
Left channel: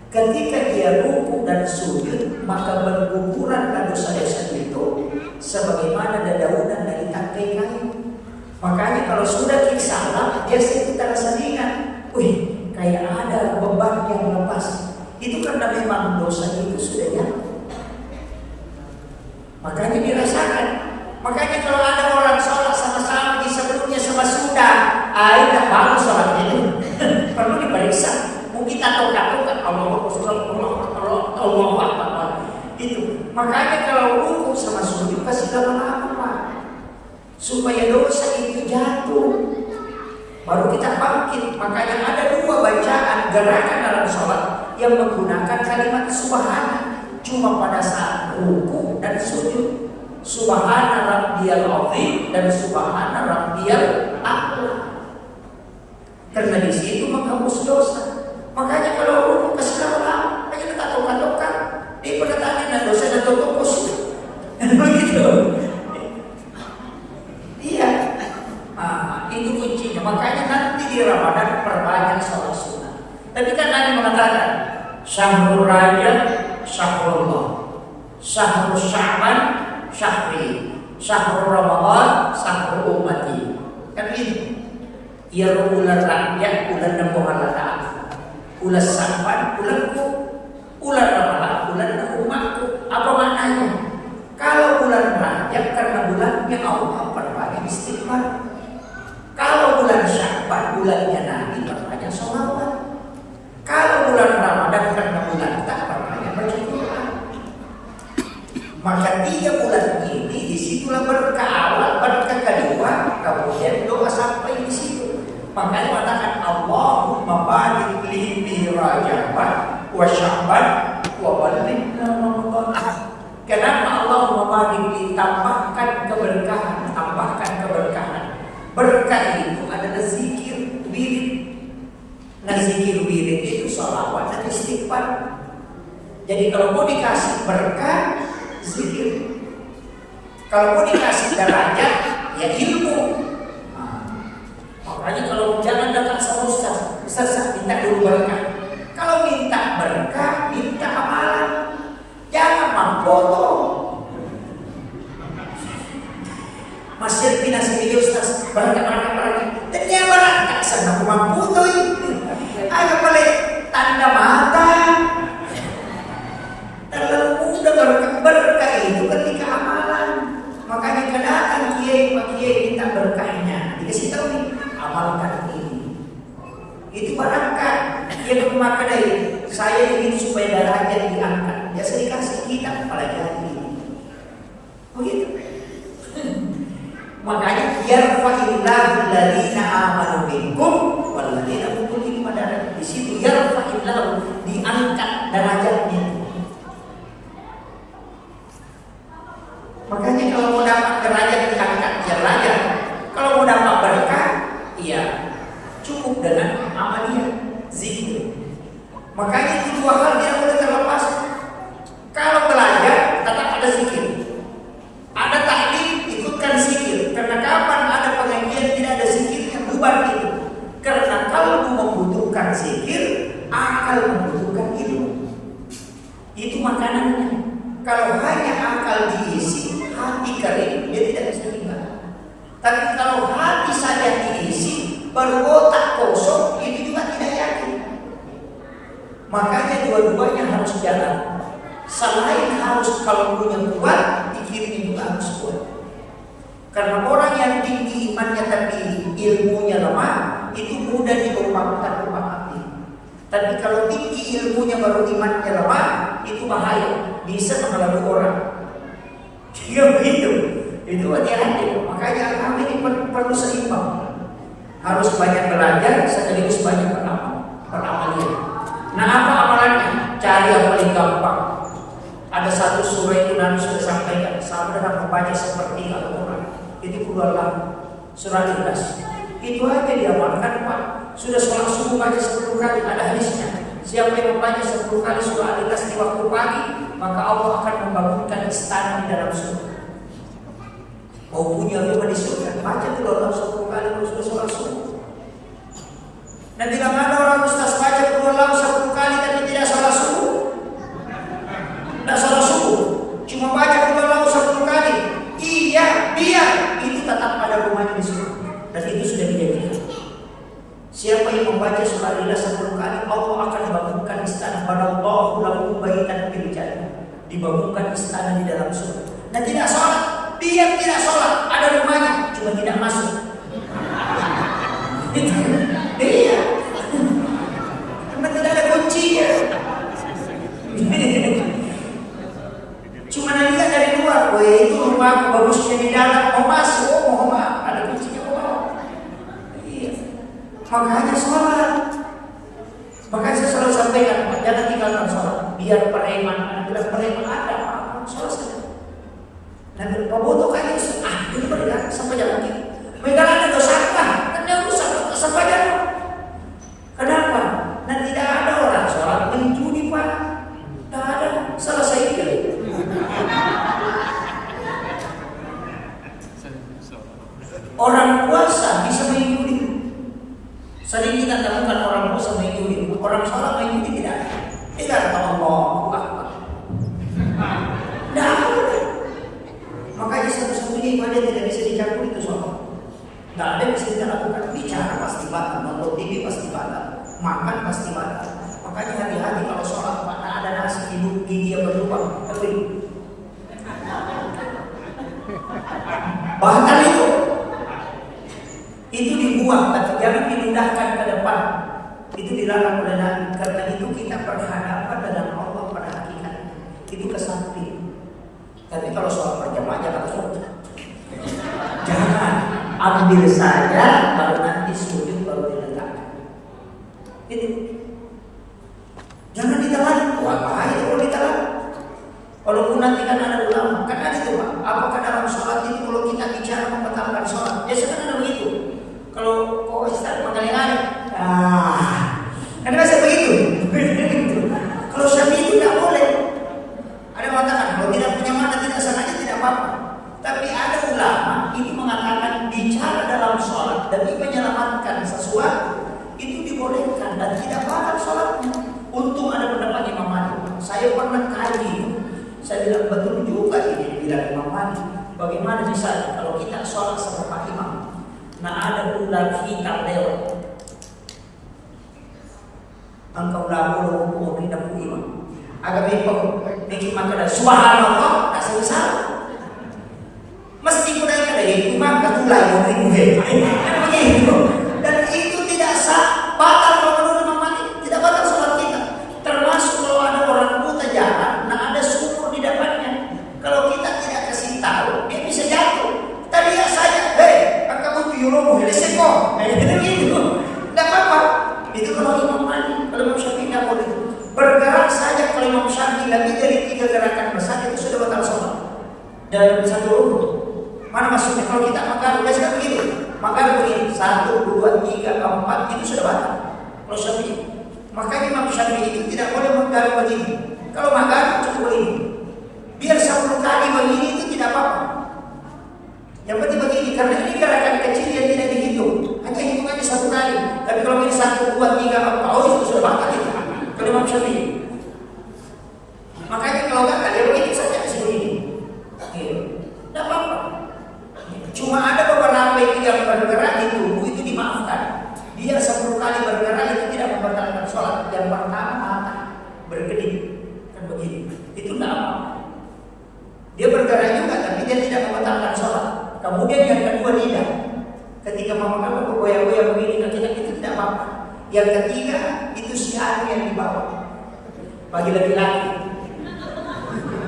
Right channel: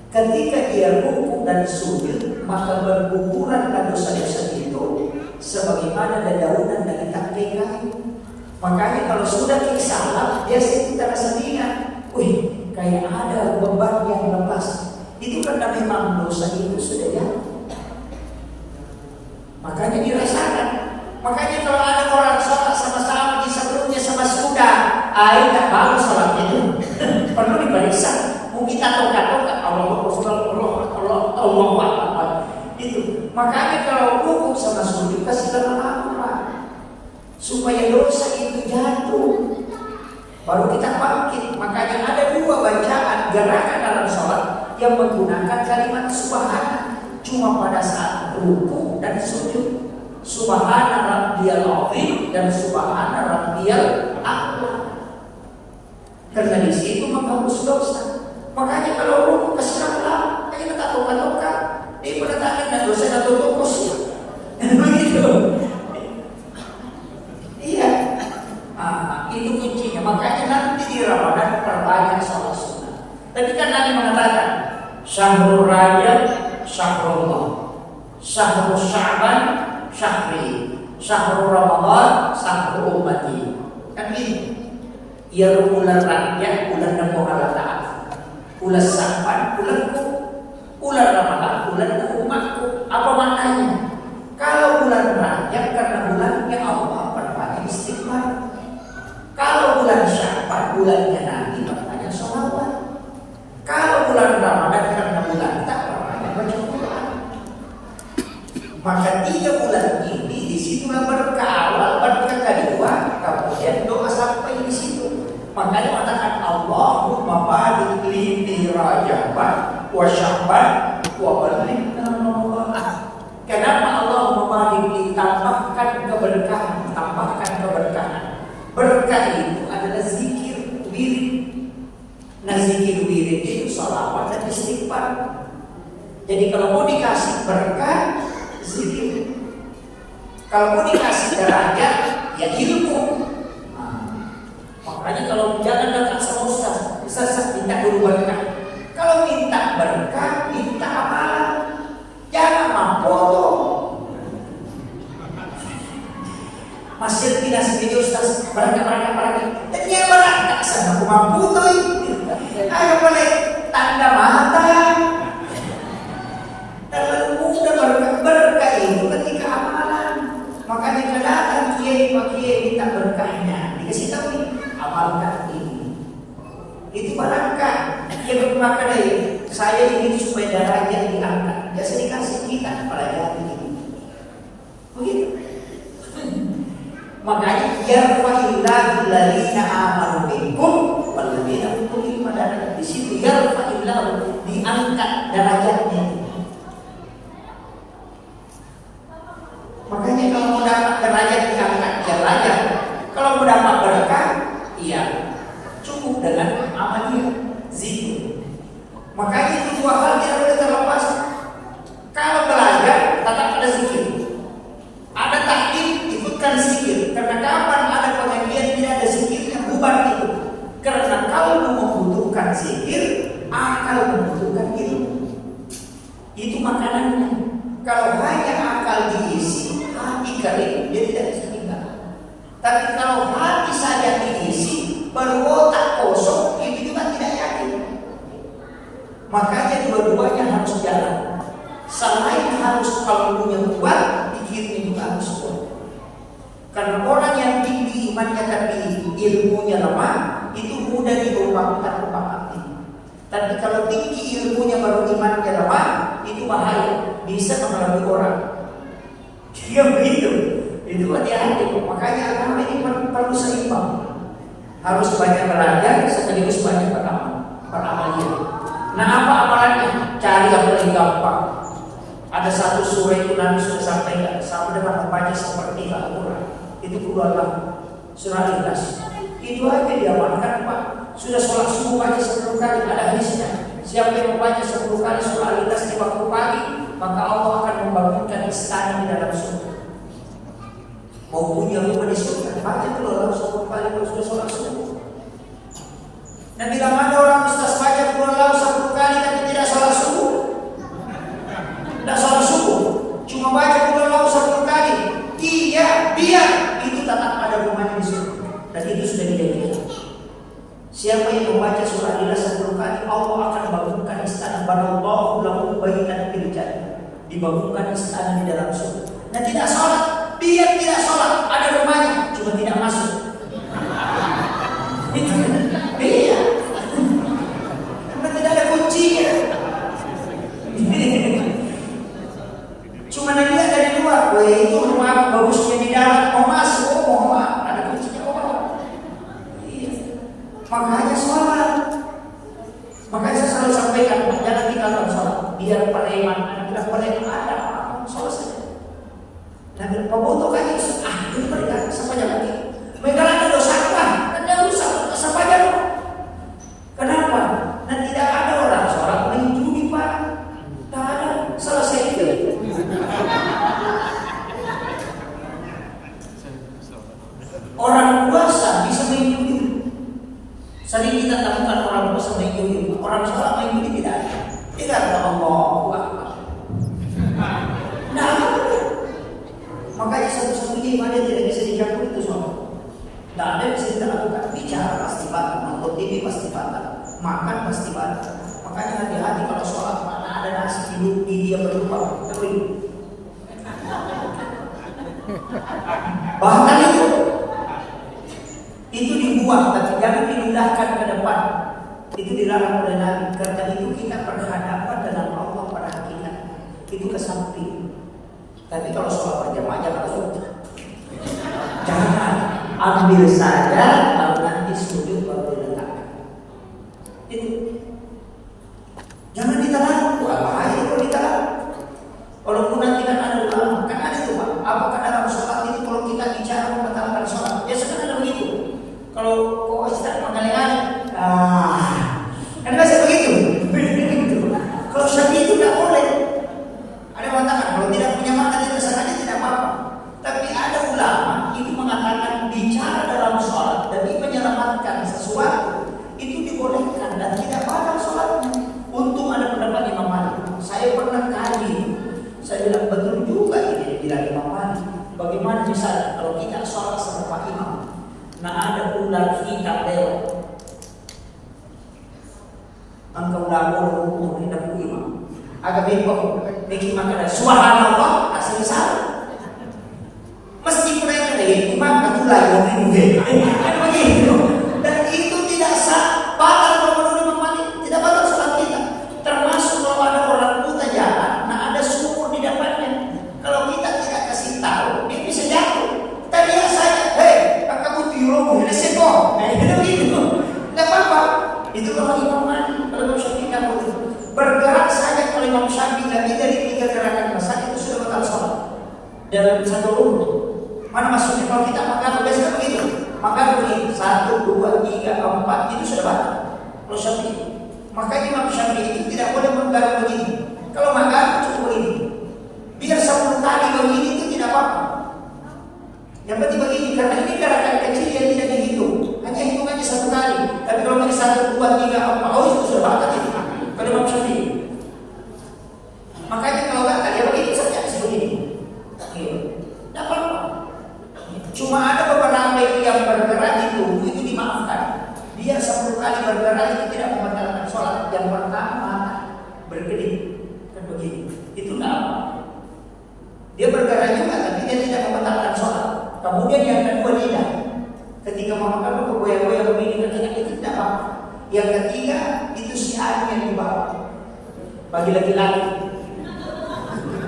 Ketika dia ruku dan sujud, maka berguguranlah dosa-dosa itu sebagaimana dedaunan dari tangkai kayu. Makanya kalau sudah salam, dia kita rasa ringan. Wih, kayak ada beban yang lepas. Itu karena memang dosa itu sudah jatuh. Makanya dirasakan. Makanya kalau ada orang sholat sama-sama di sebelumnya sama sudah, tidak bagus sholat itu. Perlu diperiksa. Mau kita toka-toka Allah. Itu. Makanya kalau ruku sama sujud kasih lama-lama supaya dosa itu jatuh. Baru kita bangkit. Makanya ada dua bacaan gerakan dalam sholat yang menggunakan kalimat subhana cuma pada saat ruku dan sujud. Subhana rabbiyal azim dan subhana rabbiyal a'la. Karena di situ menghapus dosa. Makanya kalau ruku kasih lama, aja kita tokan-tokan. Dia pada tanya dan dosa dan tokos. Begitu. Iya. Itu kuncinya. Makanya nanti di Ramadan perbanyak sholat sunnah. Tapi kan Nabi mengatakan syahrul rajab syahrullah, syahrul sya'ban syahri, syahrul ramadan syahrul ummati. Kan ini. Ya ular rakyat, ular nabo Allah Ta'ala, ular sampan, ularku, ular ramalan, ular umatku. Apa maknanya? Kalau bulan rakyat karena bulannya Allah perbanyak istighfar. Kalau bulan Sya'ban bulannya Nabi perbanyak sholawat. Kalau bulan Ramadan karena bulan tak perbanyak baca Quran. Maka 3 bulan ini disitulah berkah awal, berkah kedua, kemudian doa sampai di situ. Makanya mengatakan Allahumma barik li fi Rajab wa Sya'ban wa ballighna Ramadan. Kenapa Allahumma barik li, tambahkan keberkahan, tambahkan keberkahan. Berkah itu adalah zikir wirid. Nah zikir wirid itu sholawat dan istighfar. Jadi kalau mau dikasih berkah, zikir. Kalau mau dikasih derajat, ya ilmu. Makanya kalau jangan datang sama Ustaz minta dulu berkah. Kalau minta berkah, minta amalan. Jangan mampoto. Masjid pinasi video Ustaz berkah. Ternyata berkah sana aku mamputo. Ada boleh tanda mata. Terlalu mudah berkah itu ketika amalan. Makanya kedatangan kiai minta berkahnya. Dikasih tahu nih, amalkan ini. Itu barangkah. Dia bermakna dari saya ingin supaya darahnya diangkat. Ya saya dikasih kita pelajari ini. Begitu. Makanya yarfa'illahu alladziina aamanu minkum walladziina utul ilma darajat. Di situ yarfa'illahu diangkat derajatnya. Makanya kalau mau dapat derajat diangkat derajat. Kalau mau dapat berkah, iya cukup dengan amaliyah zikir. Makanya itu 2 hal tidak boleh terlepas. Kalau belajar tetap ada zikir. Ada taklim, ikutkan zikir. Karena kapan ada pengajian tidak ada zikirnya, bubar itu. Karena kalau membutuhkan zikir, akal membutuhkan ilmu. Itu makanannya. Kalau hanya akal diisi, hati kering, dia tidak bisa tinggal. Tapi kalau hati saja diisi, baru otak kosong, itu juga tidak yakin. Makanya dua-duanya harus jalan. Selain harus kalbunya kuat, pikirnya juga harus kuat. Karena orang yang tinggi imannya tapi ilmunya lemah, itu mudah diubah-ubah hati. Tapi kalau tinggi ilmunya baru imannya lemah, itu bahaya, bisa mengalami orang. Dia begitu, itu hati-hati. Makanya agama ini perlu seimbang. Harus banyak belajar, sekaligus banyak beramal. Nah apa amalannya? Cari yang paling gampang. Ada satu surah itu Nabi sudah sampaikan, sama dengan membaca seperti Al-Quran. Itu keluarlah surah Ikhlas. Itu aja diamalkan Pak. Sudah sholat subuh baca 10 kali, ada hadisnya. Siapa yang membaca 10 kali surah Ikhlas di waktu pagi, maka Allah akan membangunkan istana di dalam surga. Mau punya rumah di surga, baca keluarlah 10 kali kalau sudah sholat subuh. Dan bila mana orang ustaz baca keluarlah 10 kali tapi tidak sholat subuh, tidak sholat subuh, cuma baca keluarlah 10 kali, iya biar itu tetap ada rumahnya di surga. Dan itu sudah dijanjikan. Siapa yang membaca surah Ikhlas 10 kali, Allah akan membangunkan istana. Barallahu lahu baitan fil jannah. Dibangunkan istana di dalam surga. Dan tidak sholat, dia tidak sholat, ada rumahnya, cuma tidak masuk. Iya. Karena tidak ada kunci. Makanya sholat. Makanya saya selalu sampaikan, jangan tinggalkan sholat. Biar preman, anak bilang preman ada apa? Sholat saja. Dan bobotoh kayak itu mereka sampai jalan lagi. Mereka ada dosa apa? Kan dia rusak sampai jalan. Kenapa? Dan tidak ada orang sholat main judi Pak. Tak ada. Selesai itu. Orang puasa bisa main judi. Sering kita temukan orang puasa main judi. Orang sholat main judi tidak ada. Tidak ada Allahu Akbar. Tidak ada. Makanya satu-satunya ibadah tidak bisa dicampur itu sholat. Tidak ada yang bisa kita lakukan. Bicara pasti batal, nonton TV pasti batal, makan pasti batal. Makanya hati-hati kalau sholat mana ada nasi hidup dia berlubang kering. Bahkan itu dibuang dan jangan diludahkan ke depan. Itu dilarang oleh Nabi. Karena itu kita berhadapan dengan Allah pada hakikat. Itu kesamping. Tapi kalau soal berjamaah jangan sholat. Jangan ambil saja kalau nanti sujud baru diletakkan. Itu. Jangan ditelan. Wah bahaya kalau ditelan. Walaupun nanti kan ada ulama, kan ada tuh Pak. Apakah dalam sholat itu kalau kita bicara membatalkan sholat? Biasanya kan ada begitu. Kalau kok Ustaz mengalih-alih, kan biasa begitu. Kalau Syafi'i itu tidak boleh. Ada yang mengatakan kalau tidak punya makna tidak sengaja tidak apa-apa. Tapi ada ulama itu mengatakan bicara dalam sholat demi menyelamatkan sesuatu itu dibolehkan dan tidak batal sholatnya. Untung ada pendapat Imam Malik. Saya pernah kaji. Saya bilang betul juga ini bilang Imam Malik. Bagaimana misalnya kalau kita sholat sama Pak Imam, nah ada ular hitam lewat, engkau lalu mau pindah ke imam, agak bengkok, bikin makan subhanallah, tak selesai. Mesti kena yang ada yang imam katulai yang ribuhe, kan begitu. Dan itu tidak sah, batal kalau menurut Imam Malik, tidak batal sholat kita. Termasuk kalau ada orang buta jalan, nah ada sumur di depannya. Kalau kita tidak kasih tahu, dia bisa jatuh. Tapi ya saya, kamu tuyuromu, ini seko, itu begitu. Tidak apa-apa. Itu kalau Imam Malik, kalau Imam Syafi'i tidak boleh. Bergerak saja kalau Imam Syafi'i lebih dari 3 gerakan besar itu sudah batal sholat. Dalam satu rukun. Mana maksudnya? Kalau kita makan biasanya begitu. Makan begini, 1, 2, 3, 4 itu sudah batal. Kalau Syafi'i. Makanya Imam Syafi'i itu tidak boleh menggaruk begini. Kalau makan cukup begini. Biar 10 kali begini itu tidak apa-apa. Yang penting begini, karena ini gerakan kecil yang tidak dihitung. Hanya hitungannya 1 kali. Tapi kalau ini 1, 2, 3, 4, oh itu sudah batal itu. Kalau Imam Syafi'i. Makanya kalau batal ya begitu saja sebegini. Tidak apa-apa. Cuma ada beberapa yang bergerak di tubuh itu dimaafkan. Biar 10 kali bergerak itu tidak membatalkan sholat. Yang pertama mata berkedip. Kan begini. Itu tidak apa. Dia bergerak juga tapi dia tidak membatalkan sholat. Kemudian yang kedua lidah. Ketika memakan bergoyang-goyang begini ketika itu tidak apa-apa. Yang ketiga itu siar yang dibawa. Bagi laki-laki.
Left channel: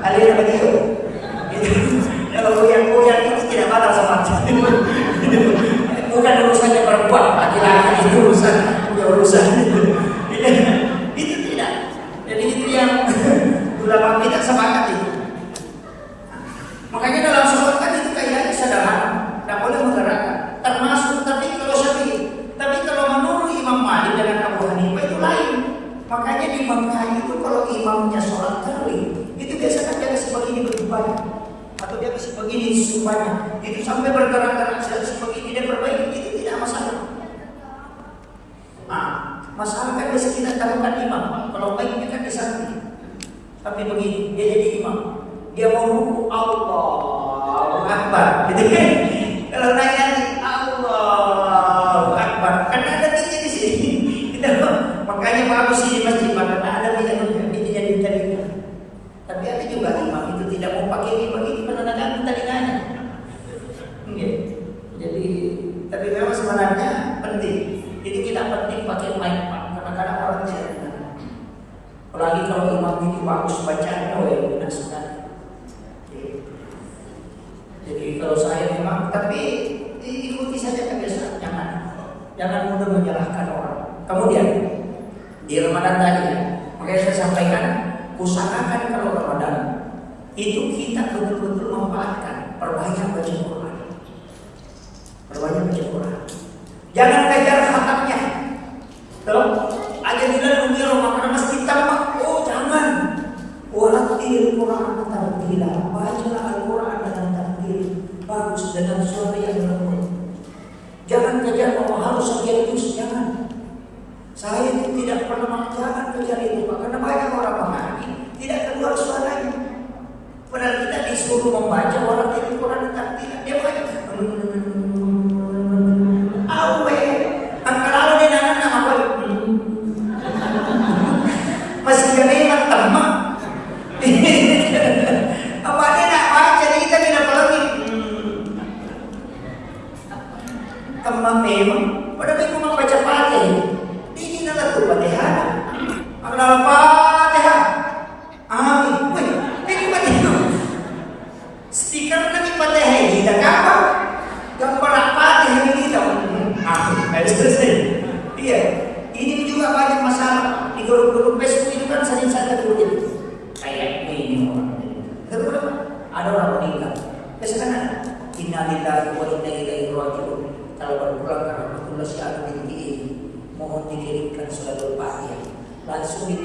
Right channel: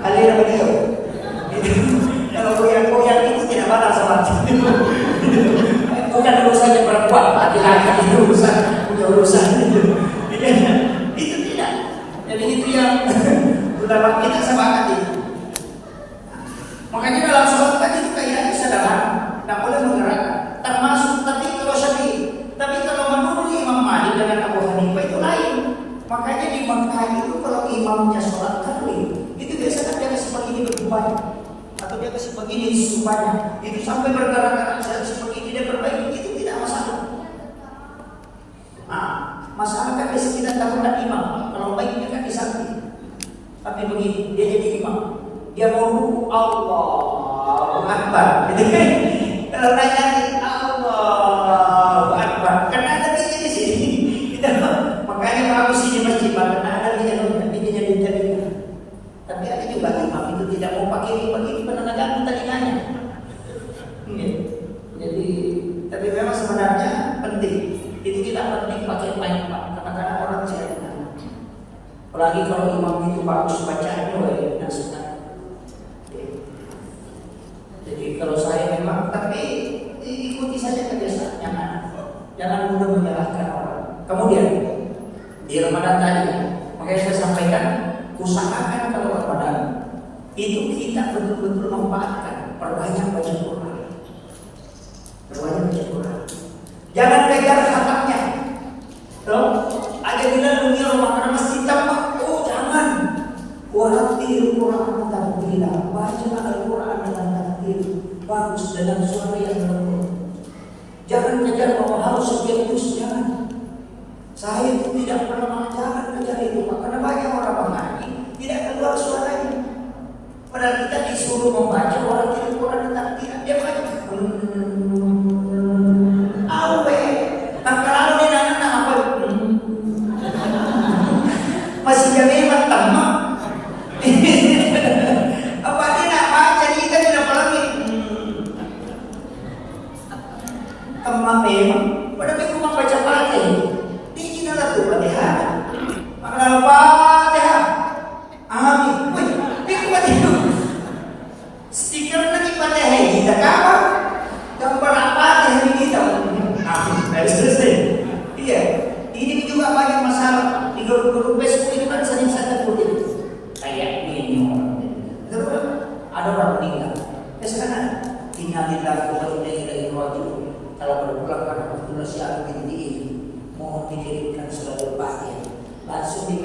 Kalian apa dia? Kalau goyang-goyang itu tidak batal sholat. Bukan urusannya perempuan, laki-laki itu urusan. Itu tidak. Jadi itu yang ulama kita sepakat itu. Makanya dalam sholat kan itu kayaknya sederhana, tidak boleh menggerakkan. Termasuk tapi kalau Syafi'i, tapi kalau menurut Imam Malik dengan Abu Hanifah itu lain. Makanya di Mekah itu kalau imamnya sholat tarawih, itu biasanya dia kasih begini begitu banyak, atau dia kasih begini supaya itu sampai bergerak-gerak seperti ini dia perbaiki, itu tidak masalah. Nah, masalah kan biasa kita lakukan imam, kalau baiknya kan di samping. Tapi begini, dia jadi imam. Dia mau ruku Allahu Akbar, gitu kan? Kalau nanya Allahu Akbar, karena ada tiga di sini. Kita makanya bagus di masjid, karena ada tiga yang dijadikan. Tapi ada juga imam itu tidak mau pakai bagi penenangkan telinganya. Jadi, tapi memang sebenarnya penting. Itu kita penting pakai mic Pak, kadang-kadang orang tidak. Apalagi kalau imam itu bagus bacanya, tidak suka. Jadi kalau saya memang, tapi ikuti saja kebiasaan, jangan jangan mudah menyalahkan orang. Kemudian di Ramadan tadi, makanya saya sampaikan, usahakan kalau Ramadan itu kita betul-betul memanfaatkan, perbanyak baca Quran, perbanyak baca Quran. Jangan kejar khatamnya. Tuh, ada bilang dunia makanan masjid tamak. Oh jangan. Walatil Quran tartila, bacalah Al-Quran dengan tartil, bagus dengan suara yang lembut. Jangan kejar bahwa harus sekian juz, jangan. Saya itu tidak pernah mengajarkan kejar itu, karena banyak orang mengaji tidak keluar suaranya. Padahal kita disuruh membaca walatil Quran dengan tartil, dia baca. Awe, kalau dia nana apa? Masih jadi emang teman. Apa dia nak baca kita tidak lagi? Teman memang. Pada minggu memang baca Fatihah. Ini adalah tuh Fatihah. Kalau Fatihah, amin. Wih, ini Fatihah. Stiker nanti Fatihah kita kapan? Gambar Fatihah ini kita. Amin. Terus. Iya. Ini juga banyak masalah. Di grup-grup Facebook itu kan sering saya tulis. Kayak ini ada orang meninggal. Kesannya innalillahi wa inna ilaihi raji'un. Kalau berpulang karena Abdullah Syahid ini mohon dikirimkan surat Al-Fatihah. Langsung di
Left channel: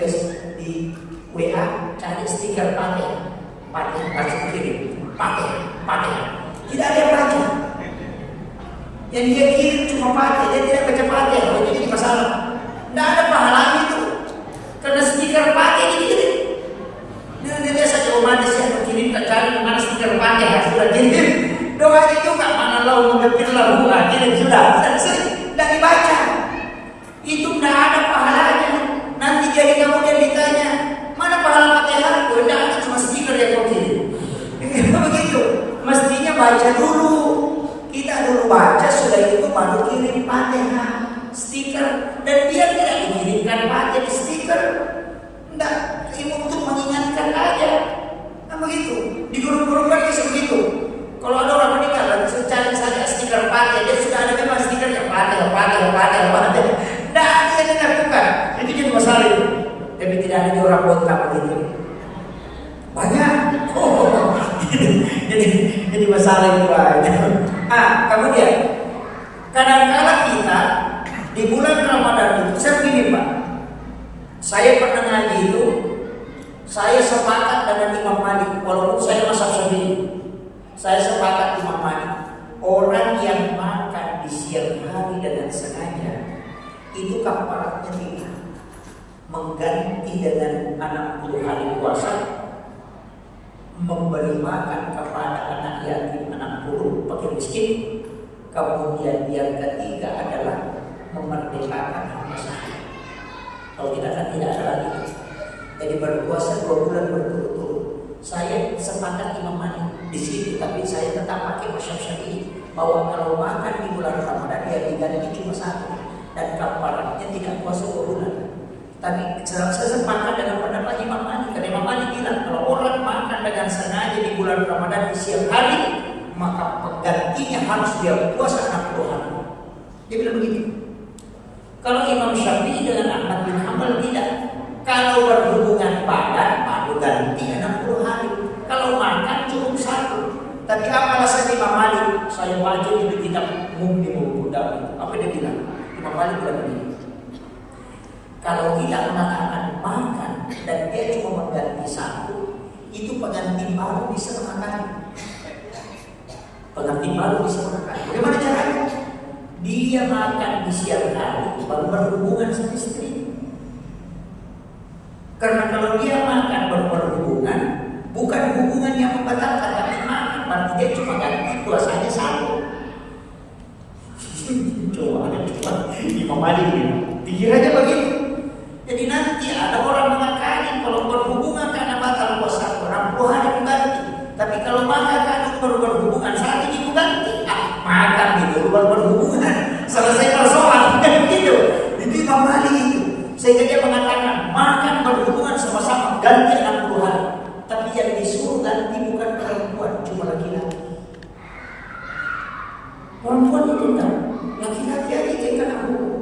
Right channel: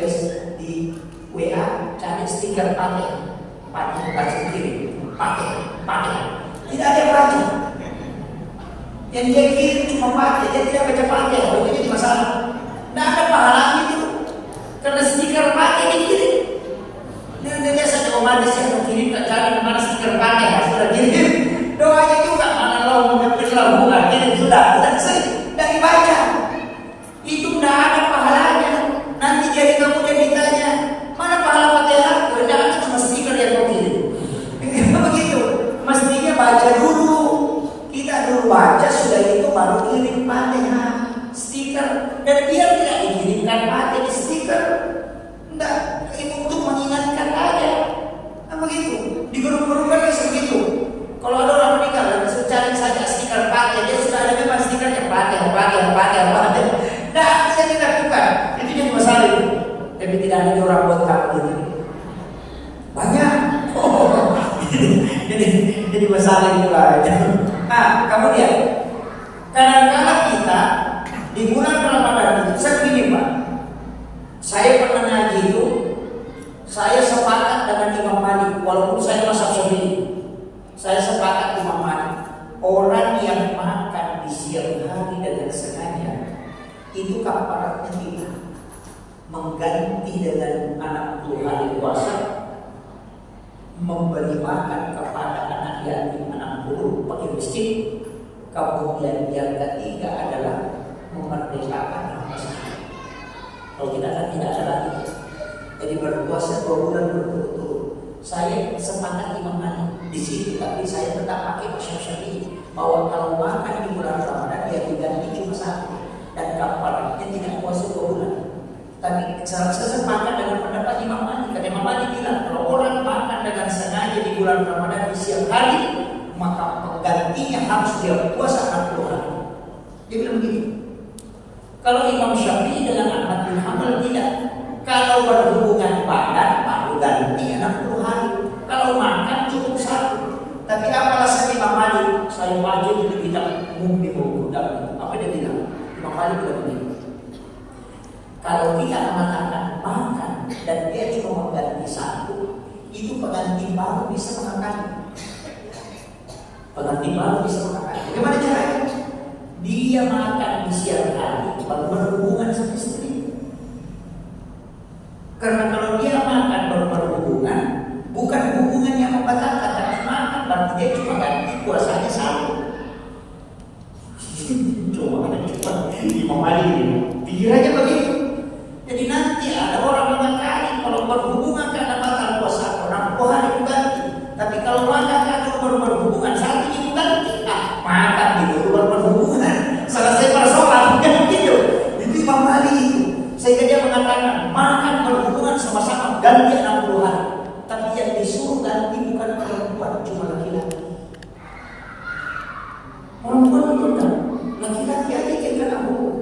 WA cari stiker Fatihah. Fatihah langsung kirim. Fatihah. Tidak ada yang baca. Yang dia kirim cuma Fatihah, dia tidak baca Fatihah. Jadi masalah. Tidak ada pahalanya itu. Karena stiker Fatihah dikirim. Dia saja umatnya yang mengirimkan cari mana stiker Fatihah sudah kirim. Doanya juga mana lau mengerti lau kirim sudah selesai dan dibaca. Itu tidak ada pahalanya. Nanti jadi kemudian ditanya mana pahala Fatihah? Tidak ada cuma stiker yang kau kirim. Begitu. Mestinya baca dulu. Kita dulu baca sudah itu baru kirim Fatihah stiker dan dia tidak dikirimkan Fatihah di stiker. Tidak. Ini untuk mengingatkan aja. Nah begitu. Di grup-grup kan bisa begitu. Kalau ada orang meninggal, cari saja stiker Fatihah. Dia sudah ada memang stikernya Fatihah. Nah, dia dilakukan. Itu jadi masalah itu. Tapi tidak ada orang botak begitu. Banyak. Oh. jadi masalah itu aja. Nah, kemudian kadang-kadang kita di bulan Ramadan itu saya begini Pak. Saya pernah ngaji itu. Saya sepakat dengan Imam Malik, walaupun saya mazhab Syafi'i. Saya sepakat Imam Malik. Orang yang makan di siang hari dengan sengaja, itu kafaratnya tidak mengganti dengan 60 hari puasa, memberi makan kepada anak yatim 60 fakir miskin. Kemudian yang ketiga adalah memerdekakan hamba sahaya. Kalau tidak kan tidak ada lagi. Jadi berpuasa 2 bulan berturut-turut. Saya sepakat Imam Malik di situ, tapi saya tetap pakai mazhab Syafi'i bahwa kalau makan di bulan Ramadan dia diganti cuma 1 dan kafaratnya tidak puasa 2 bulan. Tapi saya sepakat dengan pendapat Imam Malik. Karena Imam Malik bilang kalau orang makan dengan sengaja di bulan Ramadan di siang hari, maka penggantinya harus dia puasa 60 hari. Dia bilang begini. Kalau Imam Syafi'i dengan Ahmad bin Hanbal tidak. Kalau berhubungan badan baru ganti 60 hari. Kalau makan cukup 1. Tapi apa alasan Imam Malik? Saya baca di kitab Mu'min Muda. Apa dia bilang? Imam Malik bilang begini. Kalau kita mengatakan makan dan dia cuma mengganti 1, itu pengganti baru bisa makan. Pengganti baru bisa makan. Bagaimana caranya? Dia makan di siang hari baru berhubungan sama istri. Karena kalau dia makan baru berhubungan, bukan hubungan yang membatalkan, tapi makan berarti dia cuma ganti puasanya 1. Coba Imam Malik ini pikirannya begitu. Jadi nanti ada orang mengatakan kalau berhubungan karena batal puasa 60 hari ganti. Tapi kalau makan kan baru berhubungan 1 minggu ganti. Makan gitu baru berhubungan selesai persoalan gitu. Itu Imam Malik itu. Sehingga dia mengatakan makan berhubungan sama-sama ganti 60 hari. Tapi yang disuruh ganti bukan perempuan, cuma laki-laki. Perempuan itu kan laki-laki aja yang kena hukum.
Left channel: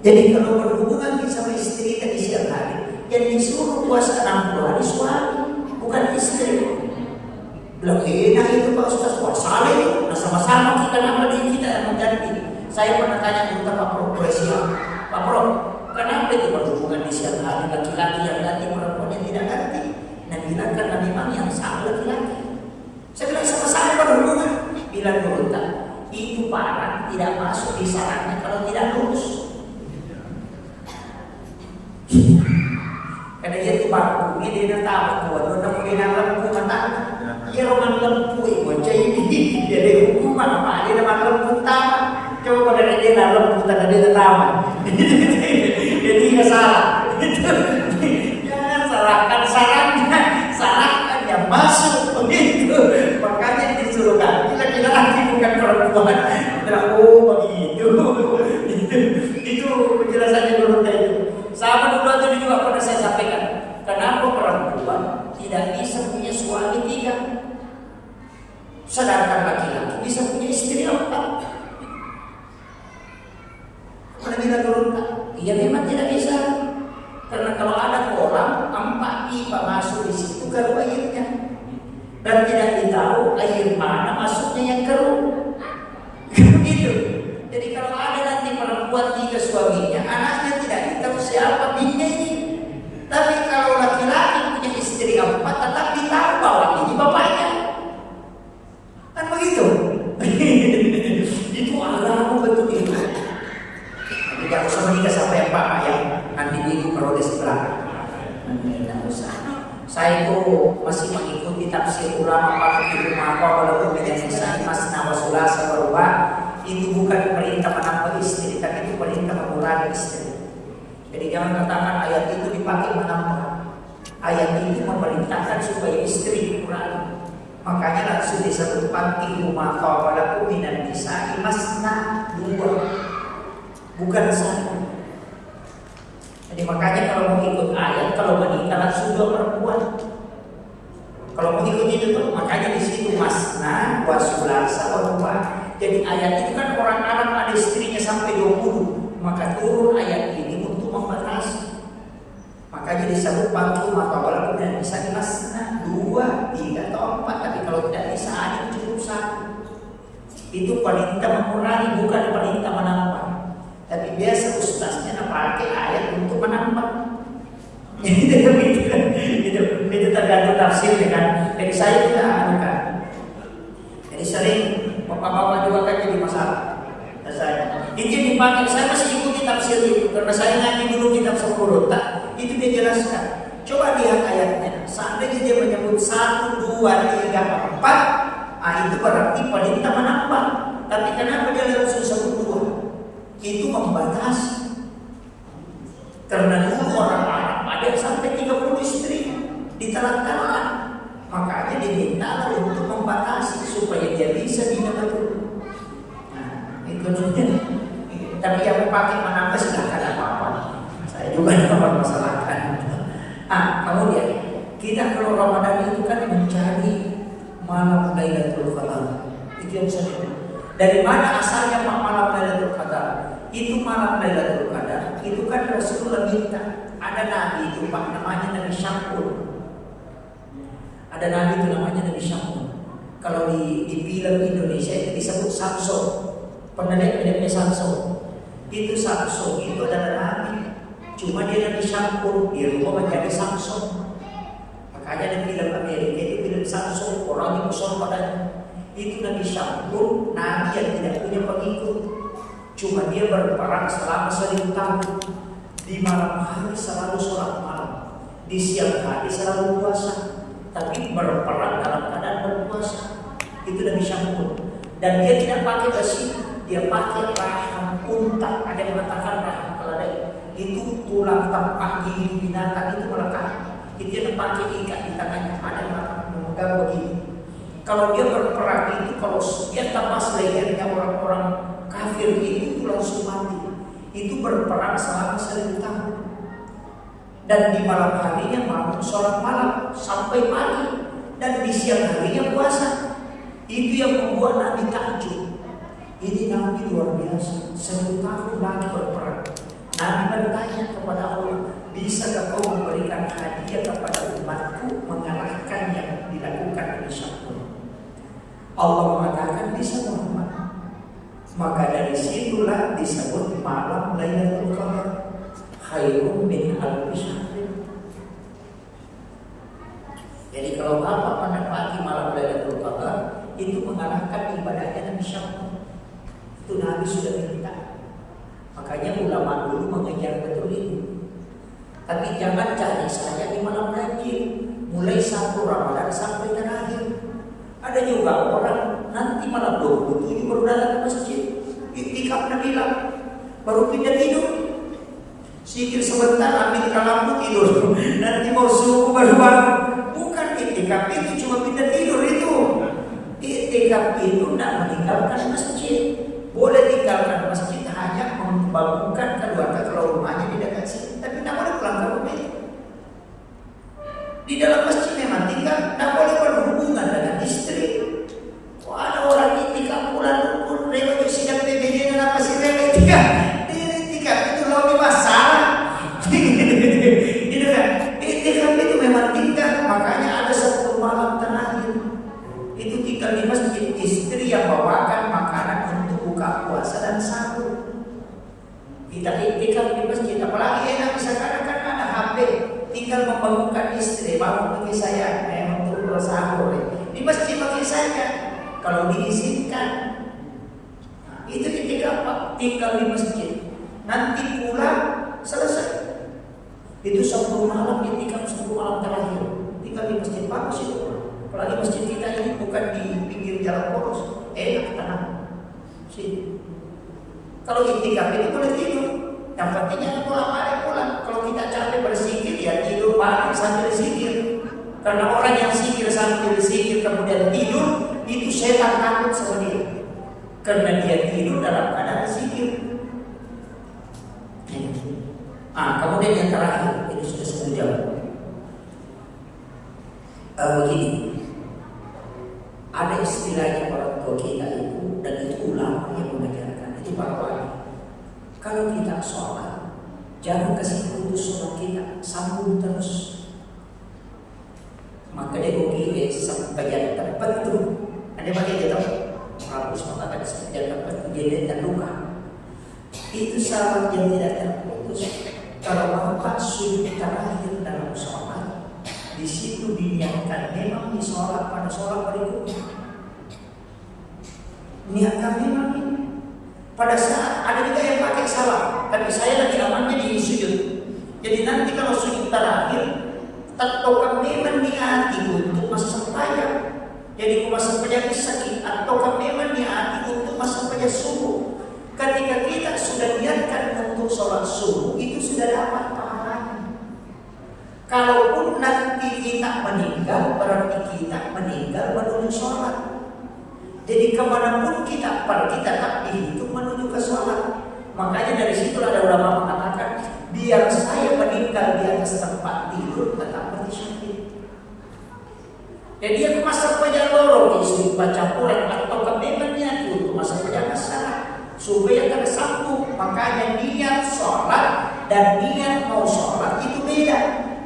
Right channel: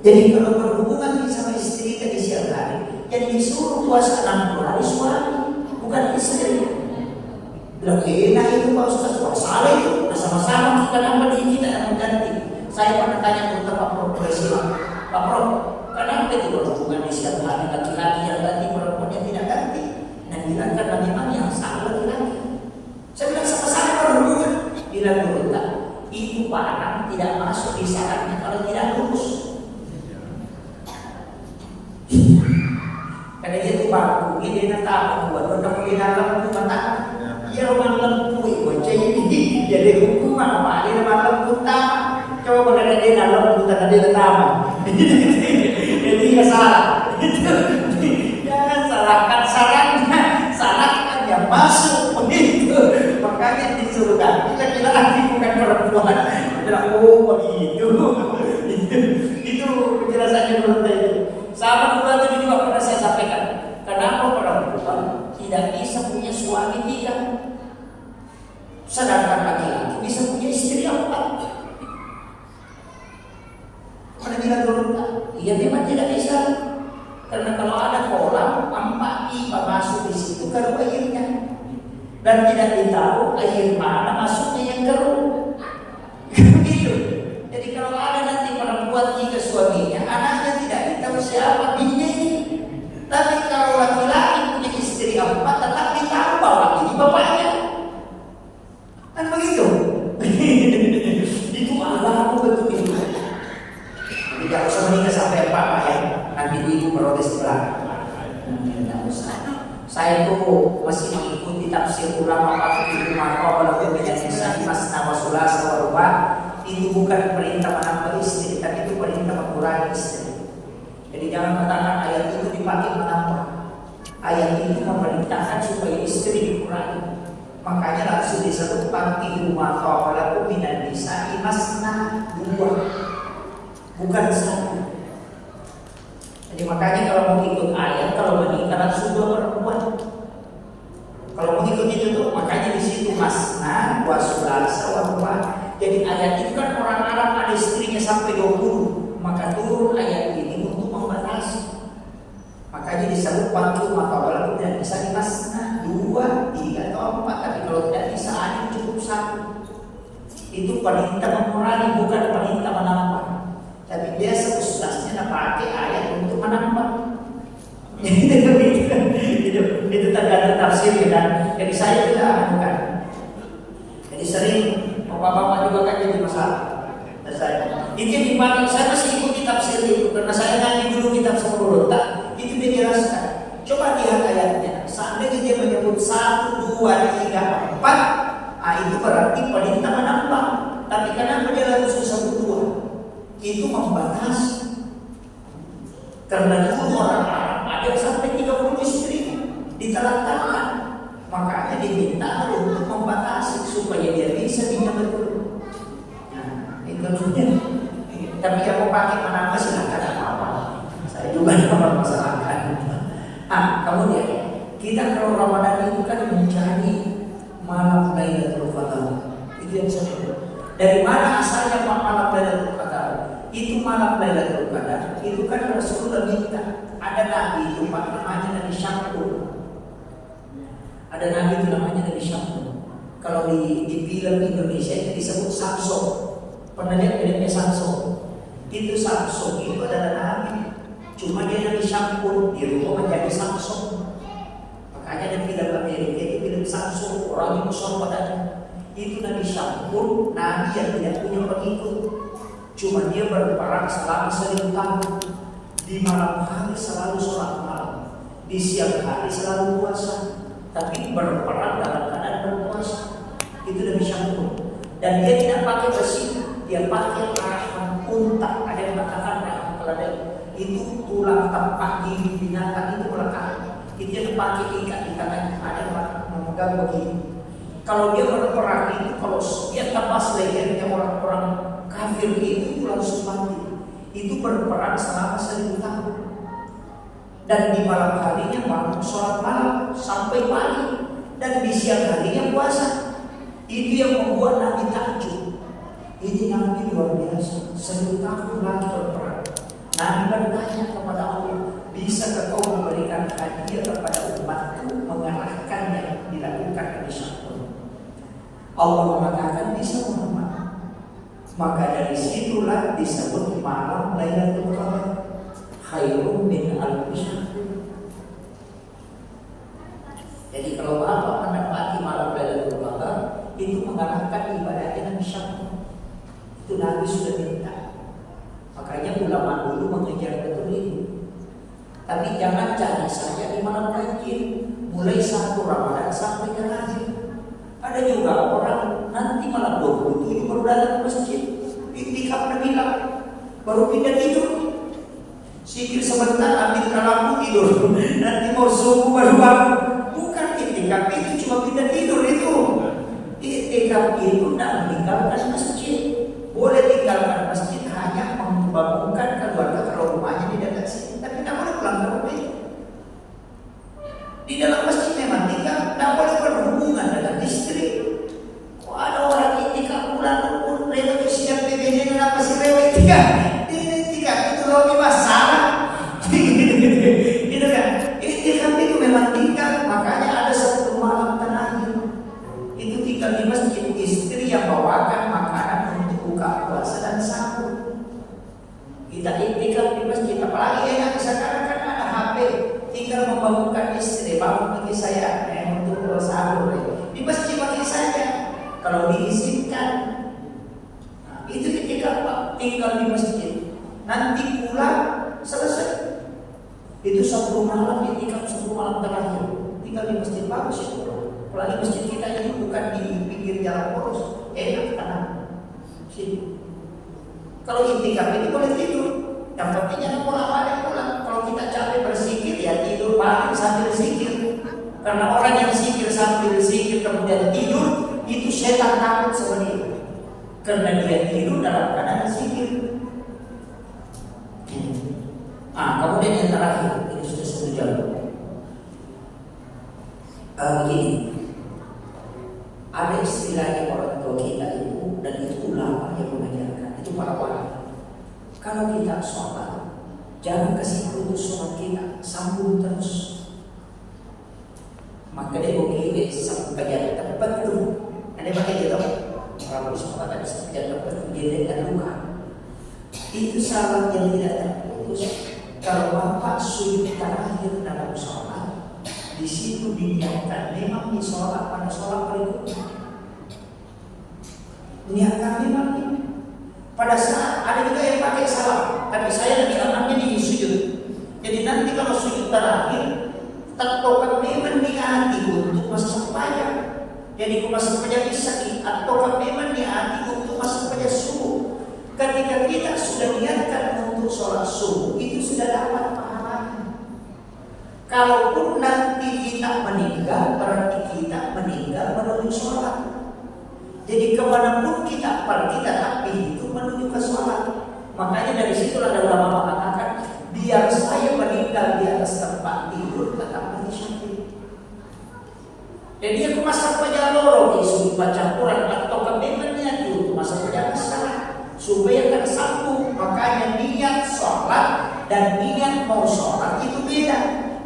Jadi kalau berhubungan sama istri tadi siang hari, yang disuruh puasa 60 hari suami, bukan istri. Bilang enak itu Pak Ustaz, puasa itu, nah sama-sama kita nama kita yang mengganti. Saya pernah tanya tentang Pak Prof. Pak Prof, kenapa itu berhubungan di siang hari laki-laki yang ganti, perempuan yang tidak ganti? Nah bilang karena memang yang sama laki-laki. Saya bilang sama-sama berhubungan. Bilang dulu tak, itu barang tidak masuk di syaratnya kalau tidak lurus. Karena dia itu baku, dia nak tahu buat orang dia nak lempu mata. Dia roman lempu ibu jadi dia ada hukuman apa? Dia nama lempu taman. Coba kalau dia nak lempu tak ada taman. Jadi nggak salah. Jangan salahkan sarannya, salahkan yang masuk begitu. Makanya disuruh ganti laki-laki bukan perempuan. Oh begitu. Itu penjelasannya dulu tadi. Sama dulu itu juga pernah saya sampaikan. Kenapa perempuan tidak bisa punya suami 3, sedangkan laki-laki bisa punya istri 4? Mana bilang dulu tak? Iya memang tidak bisa. Karena kalau ada kolam 4 pipa masuk di situ keluar airnya, dan tidak ditahu air mana masuknya yang keruh. Begitu. Jadi kalau ada nanti perempuan 3 suaminya, anaknya tidak ditahu siapa bininya ini. Tapi kalau laki-laki punya istri 4, tetap ditahu bahwa ini bapaknya. Kan begitu. Itu Allah betul itu. Tidak usah menikah sampai 4 ya. Nanti di protes di belakang. Tidak usah. Saya itu masih mengikuti tafsir ulama Fathul Maka walaupun menjadi masna wa sulasa wa ruba. Itu bukan perintah menambah istri, tapi itu perintah mengurangi istri. Jadi jangan katakan ayat itu dipakai menambah. Ayat itu memerintahkan supaya istri dikurangi. Makanya langsung disebut pantihu ma tawalakum minan nisa'i masna 2, bukan 1. Jadi makanya kalau mau ikut ayat, kalau menikah langsung 2 perempuan. Kalau mau ikut itu tuh, makanya di situ masna wa sulasa wa ruba. Jadi ayat itu kan orang Arab ada istrinya sampai 20, maka turun ayat ini untuk membatasi. Makanya disebut pantu maka walaupun tidak bisa dimasna 2, 3 atau 4, tapi kalau tidak bisa ada cukup 1. Itu perintah mengurangi, bukan perintah menambah. Tapi biasa ustaznya pakai ayat untuk menambah. Itu tergantung tafsir kan. Jadi saya tidak anukan. Jadi sering bapak-bapak juga kan jadi masalah. Dan saya itu yang dipakai, saya masih ikuti tafsir itu karena saya nanti dulu kitab 10 tak. Itu dijelaskan. Coba lihat ayatnya. Seandainya dia menyebut 1, 2, 3, 4, itu berarti perintah menambah. Tapi kenapa dia langsung sebut 2? Itu membatasi. Karena dulu orang Arab ada sampai 30 istri ditelan-telan. Makanya diminta untuk membatasi supaya dia bisa tidak betul. Nah, itu maksudnya. Tapi yang mau pakai menambah silakan apa-apa. Saya juga tidak mempermasalahkan. Kemudian kita kalau Ramadan itu kan mencari malam Lailatul Qadar. Itu yang saya bilang. Dari mana asalnya malam Lailatul Qadar? Itu malam Lailatul Qadar. Itu kan Rasulullah minta. Ada nabi itu Pak namanya Nabi Syamsul. Ada nabi itu namanya Nabi Syamsul. Kalau di film Indonesia itu disebut Samsul. Pernah lihat filmnya Samsul? Itu Samsul itu adalah nabi. Cuma dia Nabi Syamsul, dia lupa menjadi Samsul. Makanya di film Amerika itu film Samsul, orang itu soal padanya. Itu Nabi Syamsul, nabi yang tidak punya pengikut. Cuma dia berperang selama 1000 tahun. Di malam hari selalu sholat malam, di siang hari selalu puasa. Tapi berperang dalam keadaan berpuasa. Itu Nabi Syamsul. Dan dia tidak pakai besi, dia pakai rahang unta. Ada yang mengatakan rahang keledai. Itu tulang tempat gigi binatang itu melekat. Itu dia pakai ikat di tangannya. Ada yang memegang begini. Kalau dia berperang itu, kalau dia tebas lehernya orang-orang kafir itu langsung mati. Itu berperang selama 1000 tahun. Dan di malam harinya bangun sholat malam sampai pagi. Dan di siang harinya puasa. Itu yang membuat Nabi takjub. Ini Nabi luar biasa. 1000 tahun lagi berperang. dia kepada umatku mengarahkan yang dilakukan di syaitan. Allah mengatakan bisa Muhammad. Maka dari situlah disebut malam Lailatul Qadar khairun min alfi syahr. Jadi kalau Bapak mendapati malam Lailatul Qadar, itu mengarahkan ibadahnya Nabi Syaitan. Itu Nabi sudah minta. Makanya ulama dulu mengejar betul itu. Tapi jangan cari saja di malam ganjil, mulai 1 Ramadan sampai terakhir. Ada juga orang nanti malam 27 baru datang ke masjid, iktikaf Nabilah, baru pindah tidur. Sikir sebentar, ambil lampu tidur. Nanti mau subuh baru bangun. Bukan iktikaf itu, cuma pindah tidur itu. Iktikaf itu tidak meninggalkan masjid. Boleh tinggalkan masjid hanya membangunkan keluarga kalau rumahnya di dekat sini, tapi tidak boleh pulang ke rumah itu. Di dalam masjid memang tinggal, tidak boleh berhubungan dengan istri. Kok ada orang iktikaf bulan pun rewet sidang PBD dan apa sih rewet iktikaf itu lebih masalah. Gitu kan? Iktikaf itu memang tinggal, makanya ada 10 malam terakhir. Itu tinggal di masjid, istri yang bawakan makanan untuk buka puasa dan sahur. Kita iktikaf di masjid, apalagi enak sekarang kan ada HP, tinggal membangunkan istri, bangun bagi saya untuk sahur. Di masjid bagi saja, kalau diizinkan. Itu iktikaf Pak, tinggal di masjid. Nanti pulang selesai. Itu 10 malam iktikaf, 10 malam terakhir. Tinggal di masjid bagus itu. Apalagi masjid kita ini bukan di pinggir jalan poros, enak tanah. Sini. Kalau iktikaf itu boleh tidur. Yang penting jangan bolak-balik pulang. Kalau kita capek berzikir ya tidur balik sambil zikir. Karena orang yang zikir sambil zikir kemudian tidur, itu setan takut sama dia. Karena dia tidur dalam keadaan zikir. Kemudian yang terakhir, ini sudah 1 jam. Begini, ada istilahnya orang tua kita itu, dan itu ulama yang mengajarkan, itu para wali. Kalau kita sholat, jangan kasih putus sholat kita, sambung terus. Maka dia begini sampai yang tepat tuh. Ada pakai dia tahu, bagus maka sampai yang tepat jadi dan luka. Itu sahabat yang tidak terputus. Kalau Bapak sujud terakhir dalam sholat, di situ diniatkan memang di sholat pada sholat berikutnya. Niatkan memang ini. Pada saat ada juga yang pakai salam, tapi saya lebih amannya di sujud. Jadi nanti kalau sujud terakhir, tentukan memang niati untuk masa sembahyang. Jadi masa sembahyang sakit, atau memang niati untuk masa sembahyang subuh. Ketika kita sudah niatkan untuk sholat subuh, itu sudah dapat pahalanya. Kalaupun nanti kita meninggal, berarti kita meninggal menuju sholat. Jadi kemanapun kita pergi, tetap itu menuju ke sholat. Makanya dari situ ada ulama mengatakan, biar saya meninggal di atas tempat tidur, tetap pergi syahid. Jadi dia ke masa lorong, disuruh baca Quran atau kebebannya itu masa masalah. Supaya tersambung, makanya niat sholat dan niat mau sholat itu beda.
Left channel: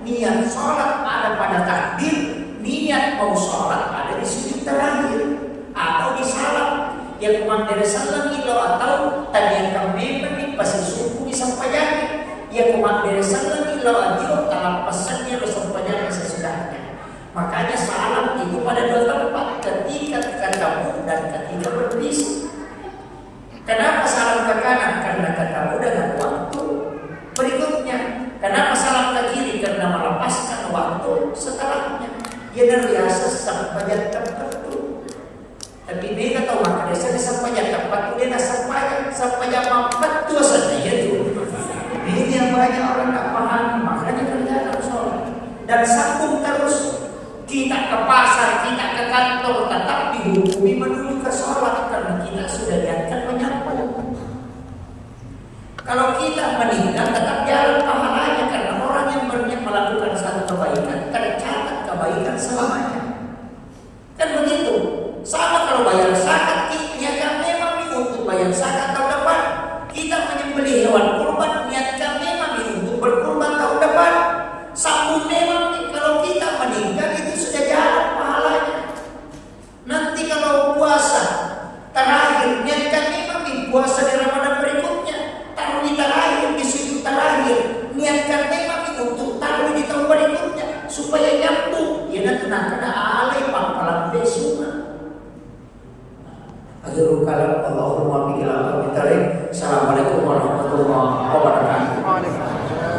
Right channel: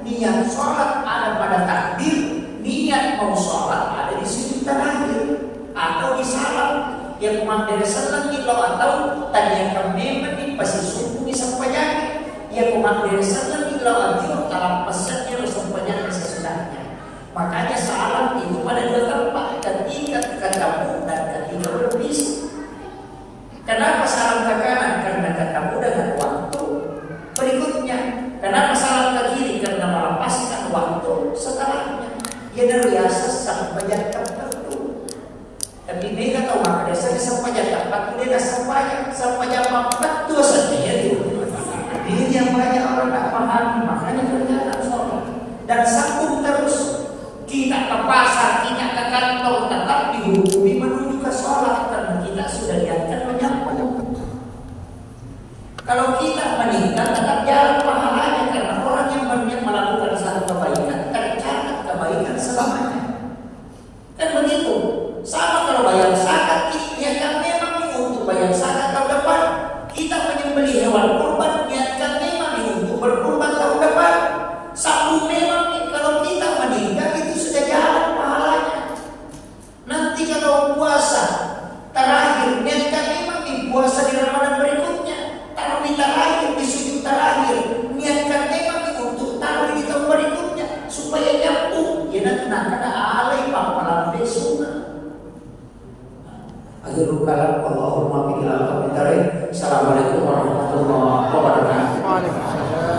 Niat sholat ada pada takbir, niat mau sholat ada di sujud terakhir atau di salam. Yang kumandiri salam itu atau tadi yang kami menik pasti subuh disampaikan. Yang kumandiri salam itu atau dalam pesannya disampaikan sesudahnya. Makanya salam itu pada 2 tempat, ketika ketemu dan ketika berpisah. Kenapa salam ke kanan? Karena ketemu dengan waktu berikutnya. Kenapa salam ke kiri? Karena melepaskan waktu setelahnya. Dia biasa sampai jam tertentu. Tapi dia tahu maka dia sampai jam 4 dia sampai jam 4 itu saja ya. Ini yang banyak orang tak paham. Makanya kerjaan sholat dan sambung terus. Kita ke pasar, kita ke kantor, tetap dihukumi menuju ke sholat karena kita sudah niatkan menyampaikan. Kalau kita meninggal, tetap jalan pahalanya karena orang yang berniat melakukan satu kebaikan tercatat kebaikan selamanya. Kan begitu. Sama kalau bayar zakat, niatkan memang untuk bayar zakat tahun depan. Kita menyembelih hewan kurban, niatkan memang untuk berkurban tahun depan. Sambung memang Akhirul kalam, Allahumma bi'ilal. Assalamualaikum warahmatullahi wabarakatuh.